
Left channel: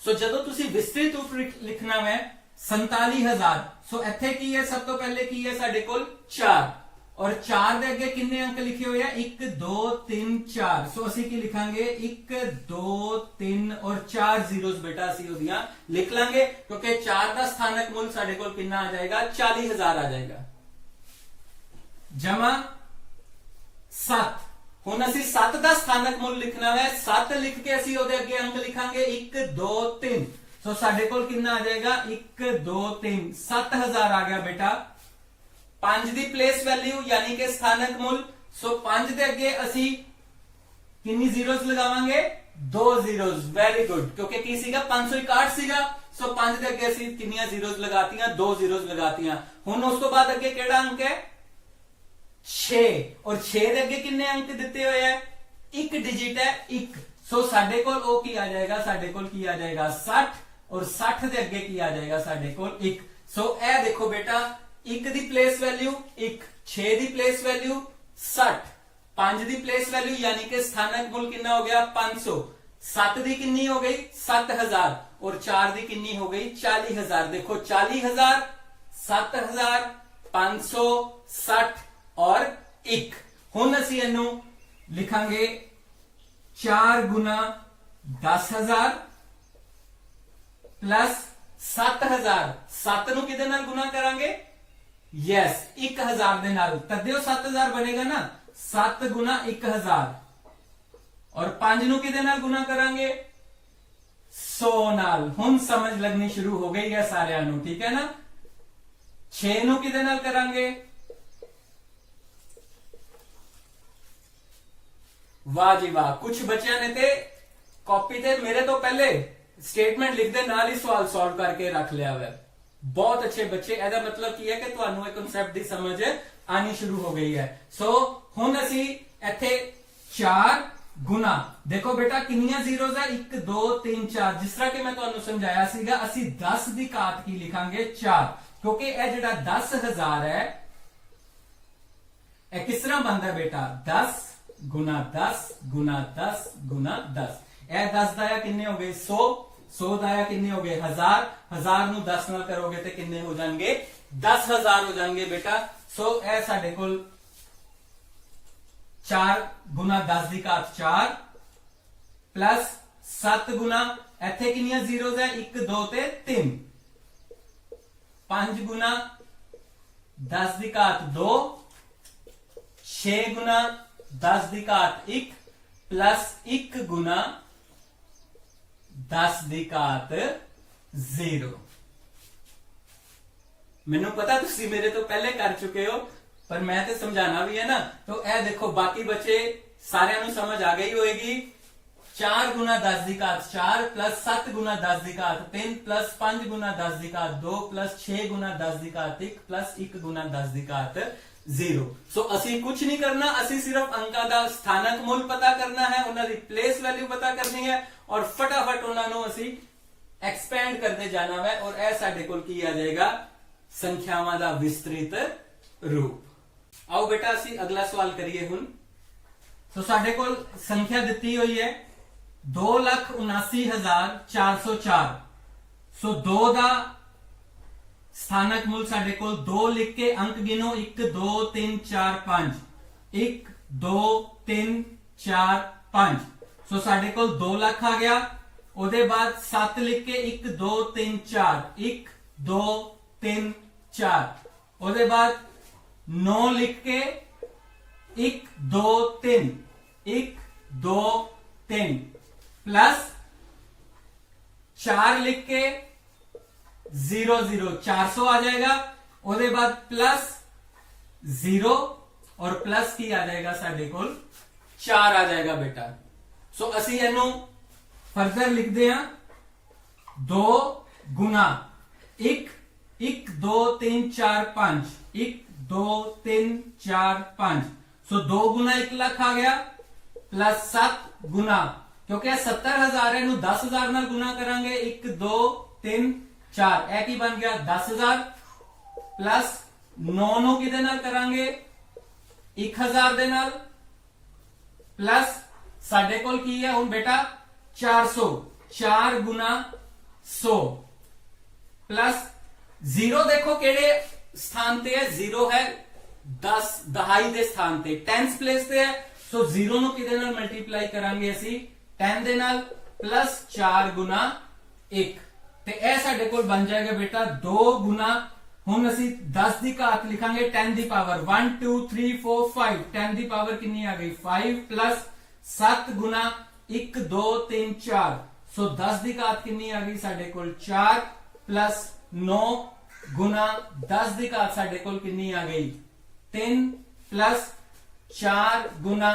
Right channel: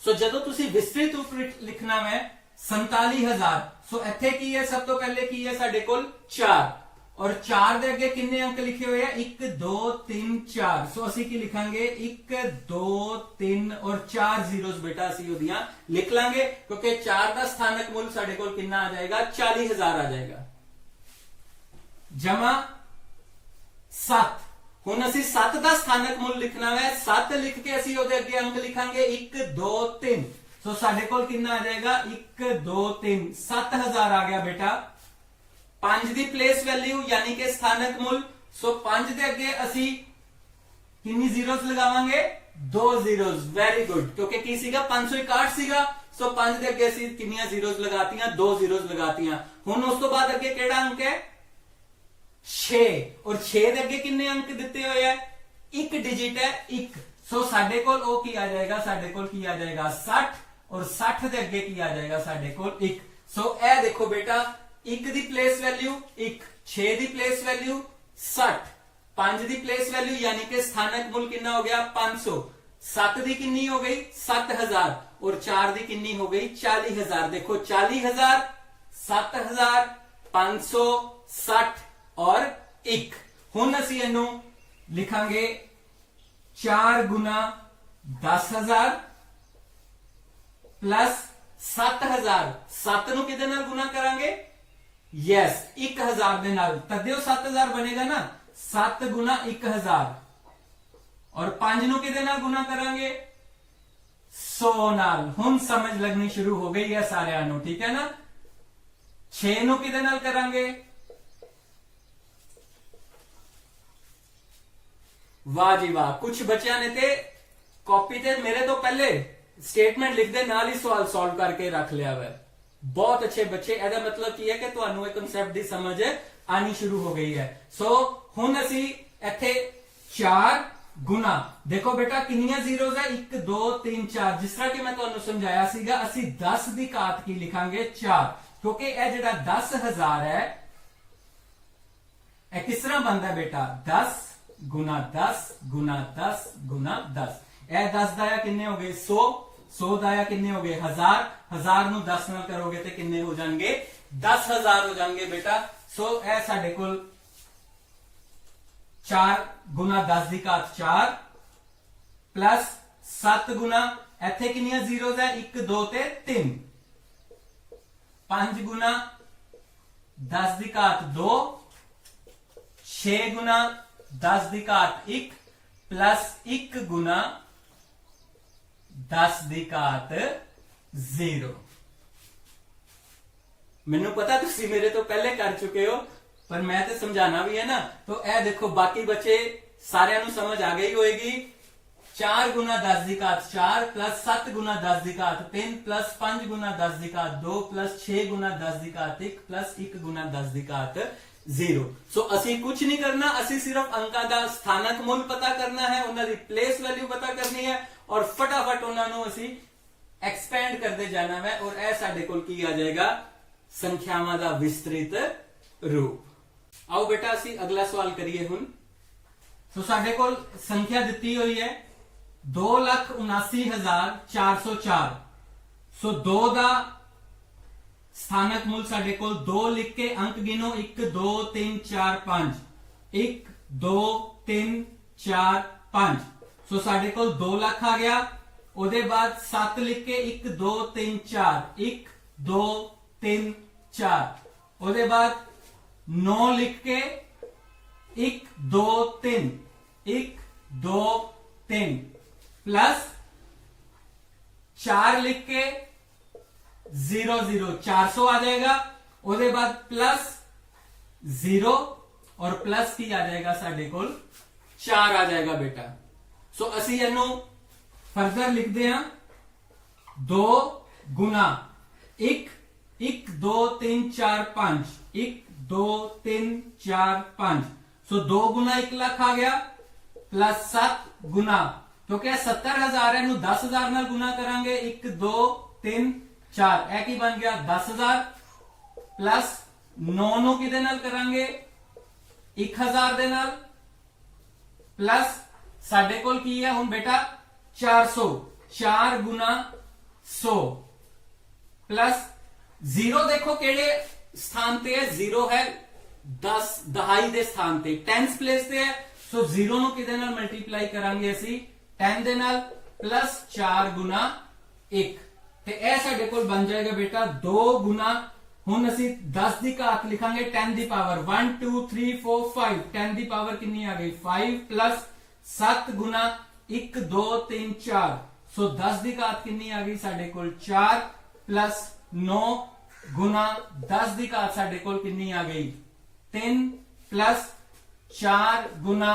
सो जदों तुसी विस्तृत रूप लिखना है 47,000। सो इत्थे की है? सब तो पहले की है साडे कोल 4 और 4 दे अगे किन्ने अंक लिखे हुए हैं? 1 2 3 4। सो असी की लिखांगे 1 2 3 और 4 जीरोस बेटा असी ओदियां लिख लांगे, क्योंकि 4 का स्थानक मूल साडे कोल कितना आ जाएगा? 40,000 आ जाएगा। जमा 7। हुण असी 7 का स्थानक मूल लिखना है। 7 लिख के असी ओदे अगे अंक लिखांगे 1 2 3। ਸੋ ਸਾਡੇ ਕੋਲ ਕਿੰਨਾ ਆ ਜਾਏਗਾ 1 2 3 7000 ਆ ਗਿਆ ਬੇਟਾ 5 ਦੀ ਪਲੇਸ ਵੈਲਿਊ ਯਾਨੀ ਕਿ ਸਥਾਨਕ ਮੁੱਲ। ਸੋ 5 ਦੇ ਅੱਗੇ ਅਸੀਂ ਕਿੰਨੀ ਜ਼ੀਰੋਜ਼ ਲਗਾਵਾਂਗੇ 2 ਜ਼ੀਰੋਜ਼। ਵੈਰੀ ਗੁੱਡ, ਕਿਉਂਕਿ ਕੀ ਸੀਗਾ 561 ਸੀਗਾ। ਸੋ 5 ਦੇ ਅੱਗੇ ਅਸੀਂ ਕਿੰਨੀਆਂ ਜ਼ੀਰੋਜ਼ ਲਗਾਤੀਆਂ 2 ਜ਼ੀਰੋਜ਼ ਲਗਾਤੀਆਂ। ਹੁਣ ਉਸ ਤੋਂ ਬਾਅਦ ਅੱਗੇ ਕਿਹੜਾ ਅੰਕ ਹੈ 6 ਔਰ 6 ਦੇ ਅੱਗੇ ਕਿੰਨੇ ਅੰਕ ਦਿੱਤੇ ਹੋਏ ਹੈ ਇੱਕ ਡਿਜਿਟ ਹੈ 1। ਸੋ ਸਾਡੇ ਕੋਲ ਉਹ ਕੀ ਆ ਜਾਏਗਾ ਸਾਡੇ ਕੋਲ ਕੀ ਆ ਜਾਏਗਾ 60 ਔਰ 60 ਦੇ ਅੱਗੇ ਕੀ ਆ ਜਾਏਗਾ ਸਾਡੇ ਕੋਲ 1। ਸੋ ਇਹ ਦੇਖੋ ਬੇਟਾ 1 ਦੀ ਪਲੇਸ ਵੈਲਿਊ 1 6 ਦੀ ਪਲੇਸ ਵੈਲਿਊ 60 5 ਦੀ ਪਲੇਸ ਵੈਲਿਊ ਯਾਨੀ ਕਿ ਸਥਾਨਕ ਮੁੱਲ ਕਿੰਨਾ ਹੋ ਗਿਆ 500 7 ਦੀ ਕਿੰਨੀ ਹੋ ਗਈ 7000 और 4 ਦੀ ਕਿੰਨੀ ਹੋ ਗਈ 40000। ਦੇਖੋ 40000 7000 500 60 और 1। ਹੁਣ ਅਸੀਂ ਇਹਨੂੰ ਲਿਖਾਂਗੇ 4 ਗੁਣਾ 10000 प्लस 7000। 7 ਨੂੰ ਕਿਹਦੇ ਨਾਲ ਗੁਣਾ ਕਰਾਂਗੇ ਯੈਸ 1000 ਦੇ ਨਾਲ। ਤਦੇ 7000 ਬਣੇਗਾ ਨਾ 7 ਗੁਣਾ 1000 और 5 ਨੂੰ ਕਿਹਦੇ ਨਾਲ ਗੁਣਾ ਕਰਾਂਗੇ 100 ਨਾਲ। ਹੁਣ ਸਮਝ ਲੱਗਣੀ ਸ਼ੁਰੂ ਹੋ ਗਈ ਹੈ ਸਾਰਿਆਂ ਨੂੰ, ਠੀਕ ਹੈ ਨਾ। 6 ਨੂੰ ਕਿਹਦੇ ਨਾਲ ਕਰਾਂਗੇ ਵਾਹ ਜੀ ਵਾਹ। ਕੁਝ ਬੱਚਿਆਂ ਨੇ ਤੇ ਕਾਪੀ ਤੇ ਮੇਰੇ ਤੋਂ ਪਹਿਲੇ ਸਟੇਟਮੈਂਟ ਲਿਖਦੇ ਨਾਲ ਹੀ ਸਵਾਲ ਸੋਲਵ ਕਰਕੇ ਰੱਖ ਲਿਆ ਹੋਇਆ। ਬਹੁਤ ਅੱਛੇ ਬੱਚੇ। ਇਹਦਾ ਮਤਲਬ ਕੀ ਹੈ ਕਿ ਤੁਹਾਨੂੰ ਇਹ ਕਨਸੈਪਟ ਦੀ ਸਮਝ ਆਣੀ ਸ਼ੁਰੂ ਹੋ ਗਈ ਹੈ। ਸੋ ਹੁਣ ਅਸੀਂ ਇੱਥੇ 4 ਗੁਣਾ ਦੇਖੋ ਬੇਟਾ ਕਿੰਨੀਆਂ ਜ਼ੀਰੋਜ਼ ਹੈ 1 2 3 4। ਜਿਸ ਤਰ੍ਹਾਂ ਕਿ ਮੈਂ ਤੁਹਾਨੂੰ ਸਮਝਾਇਆ ਸੀਗਾ ਅਸੀਂ 10 ਦੀ ਘਾਤ ਕੀ ਲਿਖਾਂਗੇ 4, ਕਿਉਂਕਿ ਇਹ ਜਿਹੜਾ 10000 ਹੈ ਇਹ ਕਿਸ ਤਰ੍ਹਾਂ ਬਣਦਾ ਬੇਟਾ 10 ਗੁਣਾ 10 ਗੁਣਾ 10 ਗੁਣਾ 10। ਇਹ 10 ਦਾ ਕਿੰਨੇ ਹੋ ਗਏ 100 100 ਦਾ ਕਿੰਨੇ ਹੋ ਗਏ 1000 1000 ਨੂੰ 10 ਨਾਲ ਕਰੋਗੇ ਤੇ ਕਿੰਨੇ ਹੋ ਜਾਣਗੇ 10000 ਹੋ ਜਾਣਗੇ ਬੇਟਾ। ਸੋ ਇਹ ਸਾਡੇ ਕੋਲ 4 ਗੁਣਾ 10 ਦੀ ਘਾਤ 4 प्लस 7 गुना ਇੱਥੇ ਕਿੰਨੀਆਂ ਜ਼ੀਰੋਜ਼ ਹੈ 1 2 ਤੇ 3। 5 गुना 10 ਦੀ ਘਾਤ 2 6 गुना 10 ਦੀ ਘਾਤ 1 प्लस 1 गुना 10 ਦੀ ਘਾਤ 0। ਮੈਨੂੰ ਪਤਾ ਤੁਸੀਂ ਮੇਰੇ ਤੋਂ ਪਹਿਲੇ ਕਰ ਚੁੱਕੇ ਹੋ पर मैं तो समझाना भी है ना। तो ए देखो बाकी बच्चे सारे समझ आ गई होगी। 4 गुना 10 की घात 4 प्लस 7 गुना 10 की घात 3 प्लस 5 गुना 10 की घात 2 प्लस 6 गुना 10 की घात 1 प्लस 1 गुना 10 की घात 0। सो असी कुछ नहीं करना, असी सिर्फ अंका का स्थानक मूल पता करना है, उन्होंने प्लेस वैल्यू पता करनी है और फटाफट उन्होंने असी एक्सपेंड करते जाना है और यह साडे कोल की आ जाएगा संख्यावां दा विस्तृत रूप। आओ बेटा असी अगला सवाल करिए हुण। तो साडे कोल संख्या दिती हुई है 2,79,404। सो 2 दा स्थानक मूल साडे कोल 2 लिख के अंक गिनो 1 2 3 4 5 1 2 3 4 5। सो साडे कोल 2 लाख आ गया। ओदे बाद 7 लिख के 1 2 3 4 1 2 3 4। ओदे बाद 9 लिख के 1 2 3 1 2 3 प्लस 4 लिख के 0 0 400 आ जाएगा। उसके बाद प्लस 0 और प्लस की आ जाएगा साडे कोल 4 आ जाएगा बेटा। सो असी इनू फर्दर लिखते हैं 2 गुना 1 1 2 3 4 5 1 2 3 4 5। सो 2 गुना 1 लाख आ गया प्लस 7 गुना क्योंकि 70,000 है 10,000 नाल गुना करांगे 1 2 3 4 ए की बन गया 10,000 प्लस 9 नु किदे नाल करांगे 1,000 दे नाल प्लस साडे कोल की है हुण बेटा 400 4 गुना 100 प्लस 0 देखो केड़े स्थान पे है 0 है 10 दहाई दे स्थान पे 10th प्लेस पे है। सो 0 नु किदे नाल मल्टीप्लाई करांगे असी 10 दे नाल प्लस 4 गुना 1 ते ए साडे कोल बन जाएगा बेटा 2 गुना हुण असी 10 दी घात लिखांगे 10 दी पावर 1 2 3 4 5 10 दी पावर कितनी आ गई 5 प्लस 7 गुना 1 2 3 4। ਸੋ 10 ਦੀ ਘਾਤ ਕਿੰਨੀ ਆ ਗਈ ਸਾਡੇ ਕੋਲ 4 ਪਲੱਸ 9 ਗੁਣਾ 10 ਦੀ ਘਾਤ ਸਾਡੇ ਕੋਲ ਕਿੰਨੀ ਆ ਗਈ 3 ਪਲੱਸ 4 ਗੁਣਾ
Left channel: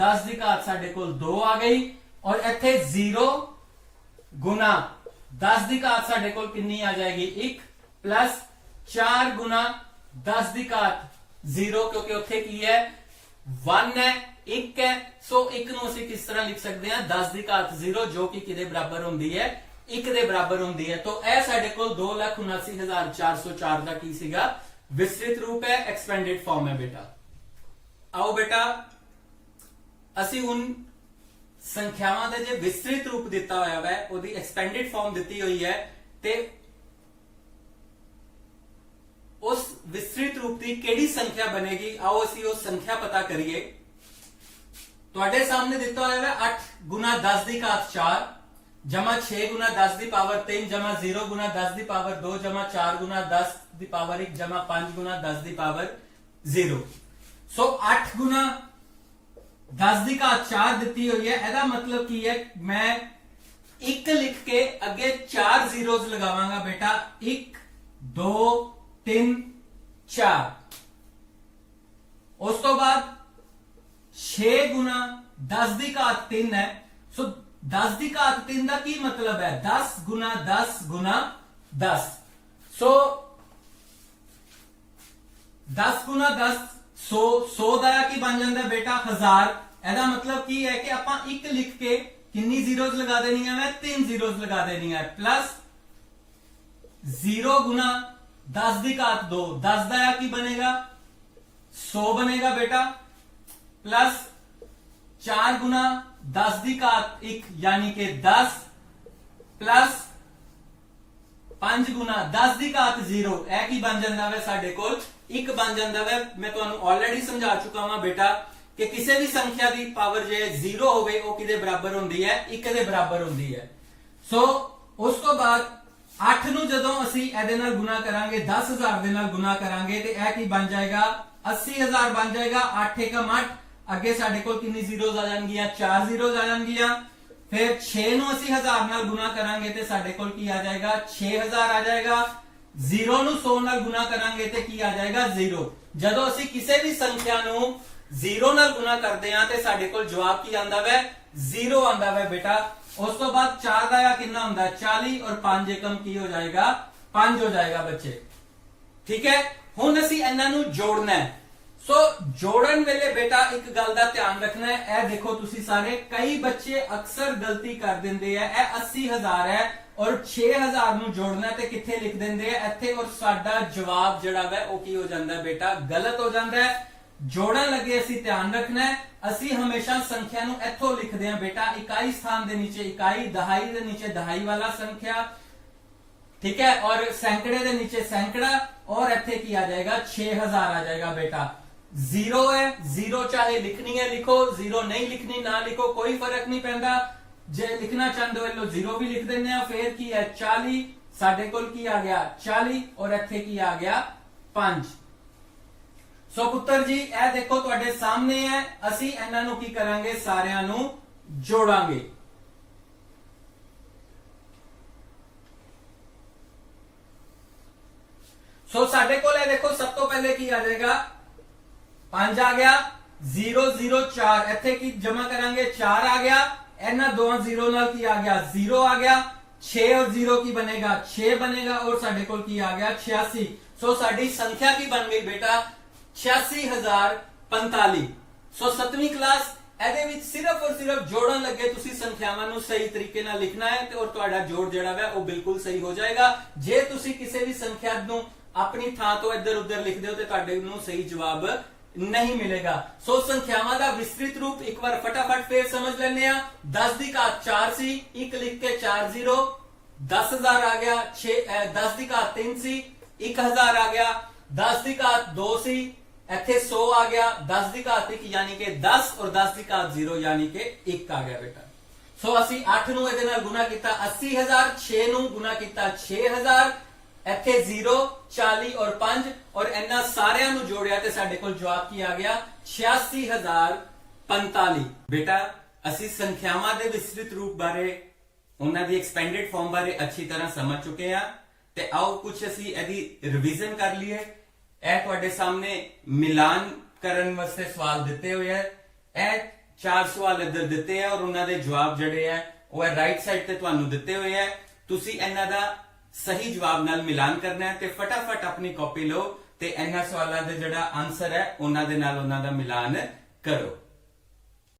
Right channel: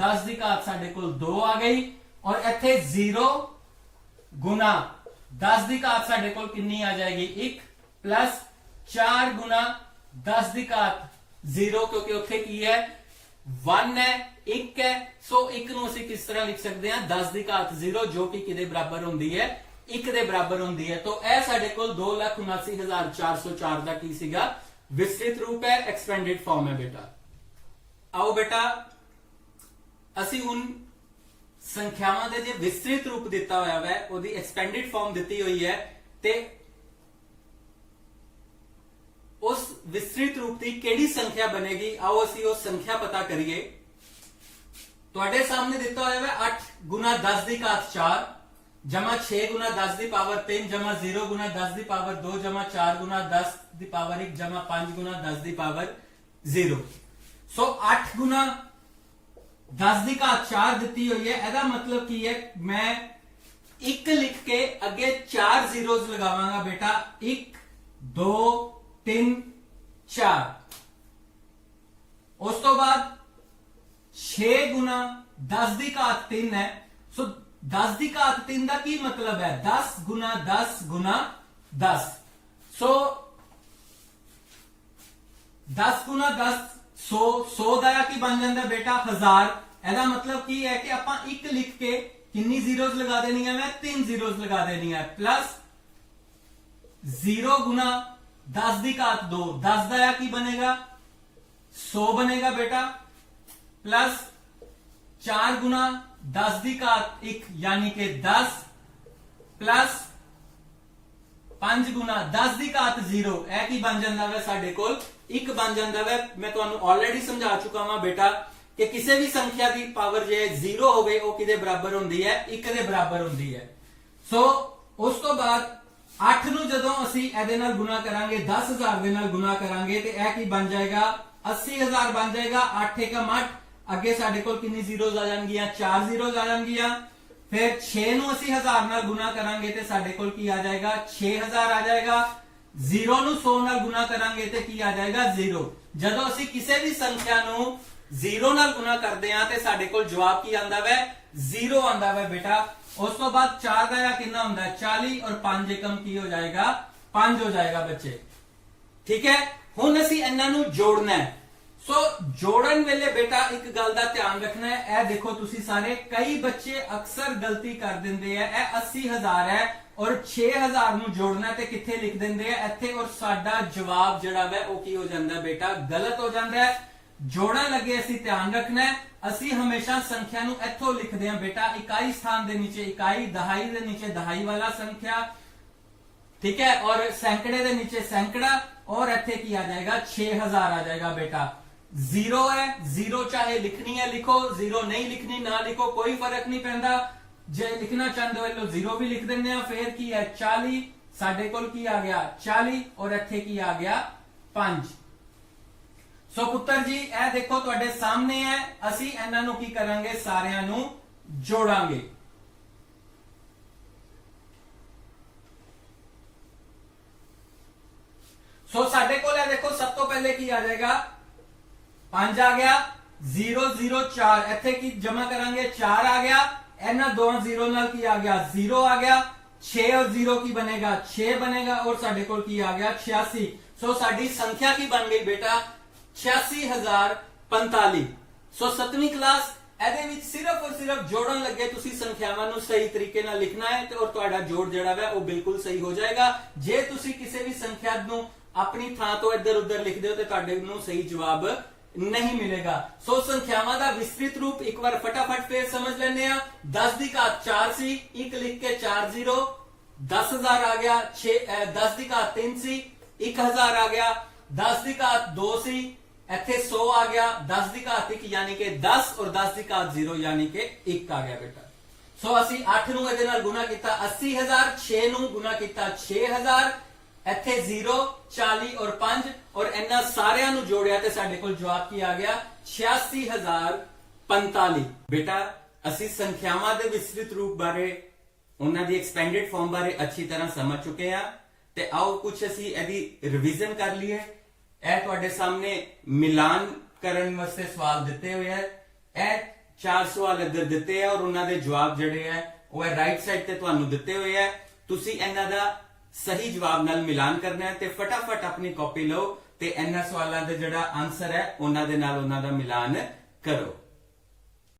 10 ਦੀ ਘਾਤ ਸਾਡੇ ਕੋਲ 2 ਆ ਗਈ ਔਰ ਇੱਥੇ 0 ਗੁਣਾ 10 ਦੀ ਘਾਤ ਸਾਡੇ ਕੋਲ ਕਿੰਨੀ ਆ ਜਾਏਗੀ 1 ਪਲੱਸ 4 ਗੁਣਾ 10 ਦੀ ਘਾਤ 0 ਕਿਉਂਕਿ ਉੱਥੇ ਕੀ ਹੈ 1 ਹੈ 1 ਹੈ ਸੋ 1 ਨੂੰ ਅਸੀਂ ਕਿਸ ਤਰ੍ਹਾਂ ਲਿਖ ਸਕਦੇ ਹਾਂ 10 ਦੀ ਘਾਤ 0 ਜੋ ਕਿ ਕਿਹਦੇ ਬਰਾਬਰ ਹੁੰਦੀ ਹੈ 1 ਦੇ ਬਰਾਬਰ ਹੁੰਦੀ ਹੈ। तो ਇਹ ਸਾਡੇ ਕੋਲ 2,79,404 ਦਾ ਕੀ ਸੀਗਾ ਵਿਸਤ੍ਰਿਤ ਰੂਪ ਹੈ ਐਕਸਪੈਂਡਡ ਫਾਰਮ ਹੈ ਬੇਟਾ। ਆਓ ਬੇਟਾ ਅਸੀਂ ਹੁਣ ਸੰਖਿਆਵਾਂ ਦੇ ਜੇ ਵਿਸਤ੍ਰਿਤ ਰੂਪ ਦਿੱਤਾ ਹੋਇਆ ਹੈ ਉਹਦੀ ਐਕਸਪੈਂਡਡ ਫਾਰਮ ਦਿੱਤੀ ਹੋਈ ਹੈ ਤੇ ਉਸ ਵਿਸਤ੍ਰਿਤ ਰੂਪ ਦੀ ਕਿਹੜੀ ਸੰਖਿਆ ਬਣੇਗੀ ਆਓ ਅਸੀਂ ਉਹ ਸੰਖਿਆ ਪਤਾ ਕਰੀਏ। ਤੁਹਾਡੇ ਸਾਹਮਣੇ ਦਿੱਤਾ ਹੋਇਆ ਹੈ 8 ਗੁਣਾ 10 ਦੀ ਘਾਤ 4 जमा 6 गुना 10 की पावर 3 जमा 0 गुना 10 की पावर 2 जमा 4 गुना 10 की पावर 1 जमा 5 गुना 10 की पावर 0। सो 8 गुना 10 की घात 4 दी हुई है एदा मतलब की है मैं 1 लिख के अगे 4 जीरोज लगावांगा बेटा 1 2 3 4 उस तो बाद 6 गुना 10 की घात 3 है। सो 10 की घात 3 का की मतलब है 10 गुना 10 गुना 10। सो 10 गुना 10 100 100 का की बन जाता है बेटा 1000। एदा मतलब की है कि आप 1 लिख के कितनी जीरोज लगा देनी है मैं 3 जीरोज लगा देनी है प्लस 0 गुना 10 की घात 2 10 का की बनेगा 100 बनेगा बेटा प्लस 4 गुना 10 की घात 1 यानी कि 10 प्लस 5 गुना 10 की घात 0 यह की बन जाता है साडे कोल 1 बन जाता है। मैं तुहानू ऑलरेडी समझा चुका हां बेटा कि किसी भी संख्या की पावर जे 0 होवे वो किदे बराबर होंदी है 1 दे बराबर होंदी है। सो उस तो बाद 8 नू जदों असी इहदे नाल गुना करांगे 10,000 दे नाल गुना करांगे ते यह की बन जाएगा 80,000 बन जाएगा 8 एकम 8 अगे साडे कोल कितनी जीरोज आ जाएंगियां 4 जीरोज आ जाएंगियां फिर 6 नु असी 1000 नाल गुना करांगे ते साडे कोल की आ जाएगा 6000 आ जाएगा 0 नु 100 नाल गुना करांगे ते की आ जाएगा 0। जदों असी किसी भी संख्या नु 0 नाल गुना करदे हां ते साडे कोल जवाब की आंदा है 0 आंदा है बेटा। उस तो बाद 4 दा कितना हुंदा 40 और 5 एकम की हो जाएगा 5 हो जाएगा बच्चे ठीक है। हुण असी इन्हां नु जोड़ना है। सो जोड़न वेले बेटा एक गल का ध्यान रखना है ए देखो तुसी सारे कई बच्चे अक्सर गलती कर देंगे है ए 80,000 है और 6,000 नु जोड़ना है ते किथे लिख देंगे है इत्थे और साडा जवाब जिहड़ा है वो की हो जाता है बेटा गलत हो जाता है। जोड़न लगे असी ध्यान रखना है असी हमेशा संख्या नु इत्थों लिखते हैं बेटा इकाई स्थान दे नीचे इकाई दहाई दे नीचे दहाई वाला संख्या ठीक है और सैकड़े दे नीचे सैकड़ा और इत्थे की आ जाएगा 6,000 आ जाएगा बेटा। 0 है 0 चाहे लिखनी है लिखो 0 नहीं लिखनी ना लिखो कोई फर्क नहीं पैंदा जे लिखना चाहते हो लो 0 भी लिख देने फिर की है 40 साडे कोल की आ गया 40 और इत्थे की आ गया 5। सो पुत्र जी ए देखो तुहाडे सामने है असी इन्हां नू की करांगे सारियां नू जोड़ांगे। सो साडे कोल है देखो सब तो पहले की आ जाएगा 5 आ गया 0 0 4 इत्थे की जमा करांगे 4 आ गया इन्हां दो 0 नाल की आ गया 0 आ गया 6 और 0 की बनेगा 6 बनेगा और साडे कोल की आ गया 86। सो साडी संख्या की बन गई बेटा 86,045। सो 7वीं क्लास ਇਹਦੇ ਵਿੱਚ सिर्फ और सिर्फ जोड़न लगे तुसी संख्यावां नू सही तरीके नाल लिखना है और तुहाडा जोड़ जिहड़ा है वो बिल्कुल सही हो जाएगा। जे तुसी किसी भी संख्या नू अपनी थां तो इधर उधर लिख दो तो तुहाडे नू सही जवाब नहीं मिलेगा। सो संख्यावां दा विस्तृत रूप एक बार फटाफट फिर समझ लेने आ 10 की घात 4 सी 1 लिख के 4 0 10,000 आ गया 10 की घात 3 सी 1,000 आ गया 10 की घात 2 सी इत्थे 100 आ गया 10 की घात 1 यानी कि 10 और 10 की घात 0 यानी कि 1 आ गया बेटा। सो असी 8 नू इहदे नाल गुना कीता 80,000 6 नू गुना कीता 6,000 इत्थे 0 40 और 5 और इन्हां सारियां नू जोड़िया ते साडे कोल जवाब की आ गया 86,045। बेटा असी संख्यावां दे विस्तृत रूप बारे ਉਹਨਾਂ ਦੀ ਐਕਸਪੈਂਡਡ ਫਾਰਮ ਬਾਰੇ ਅੱਛੀ ਤਰ੍ਹਾਂ ਸਮਝ ਚੁੱਕੇ ਆ ਤੇ ਆਓ ਕੁਝ ਅਸੀਂ ਇਹਦੀ ਰਿਵੀਜ਼ਨ ਕਰ ਲਈਏ। ਇਹ ਤੁਹਾਡੇ ਸਾਹਮਣੇ ਮਿਲਾਨ ਕਰਨ ਵਾਸਤੇ ਸਵਾਲ ਦਿੱਤੇ ਹੋਏ ਆ। ਇਹ 4 ਸਵਾਲ ਇੱਧਰ ਦਿੱਤੇ ਆ ਔਰ ਉਹਨਾਂ ਦੇ ਜਵਾਬ ਜਿਹੜੇ ਆ ਉਹ ਹੈ ਰਾਈਟ ਸਾਈਡ ਤੇ ਤੁਹਾਨੂੰ ਦਿੱਤੇ ਹੋਏ ਆ। ਤੁਸੀਂ ਇਹਨਾਂ ਦਾ ਸਹੀ ਜਵਾਬ ਨਾਲ ਮਿਲਾਨ ਕਰਨਾ ਹੈ ਤੇ ਫਟਾਫਟ ਆਪਣੀ ਕਾਪੀ ਲਓ ਤੇ ਇਹਨਾਂ ਸਵਾਲਾਂ ਦਾ ਜਿਹੜਾ ਆਨਸਰ ਹੈ ਉਹਨਾਂ ਦੇ ਨਾਲ ਉਹਨਾਂ ਦਾ ਮਿਲਾਨ ਕਰੋ।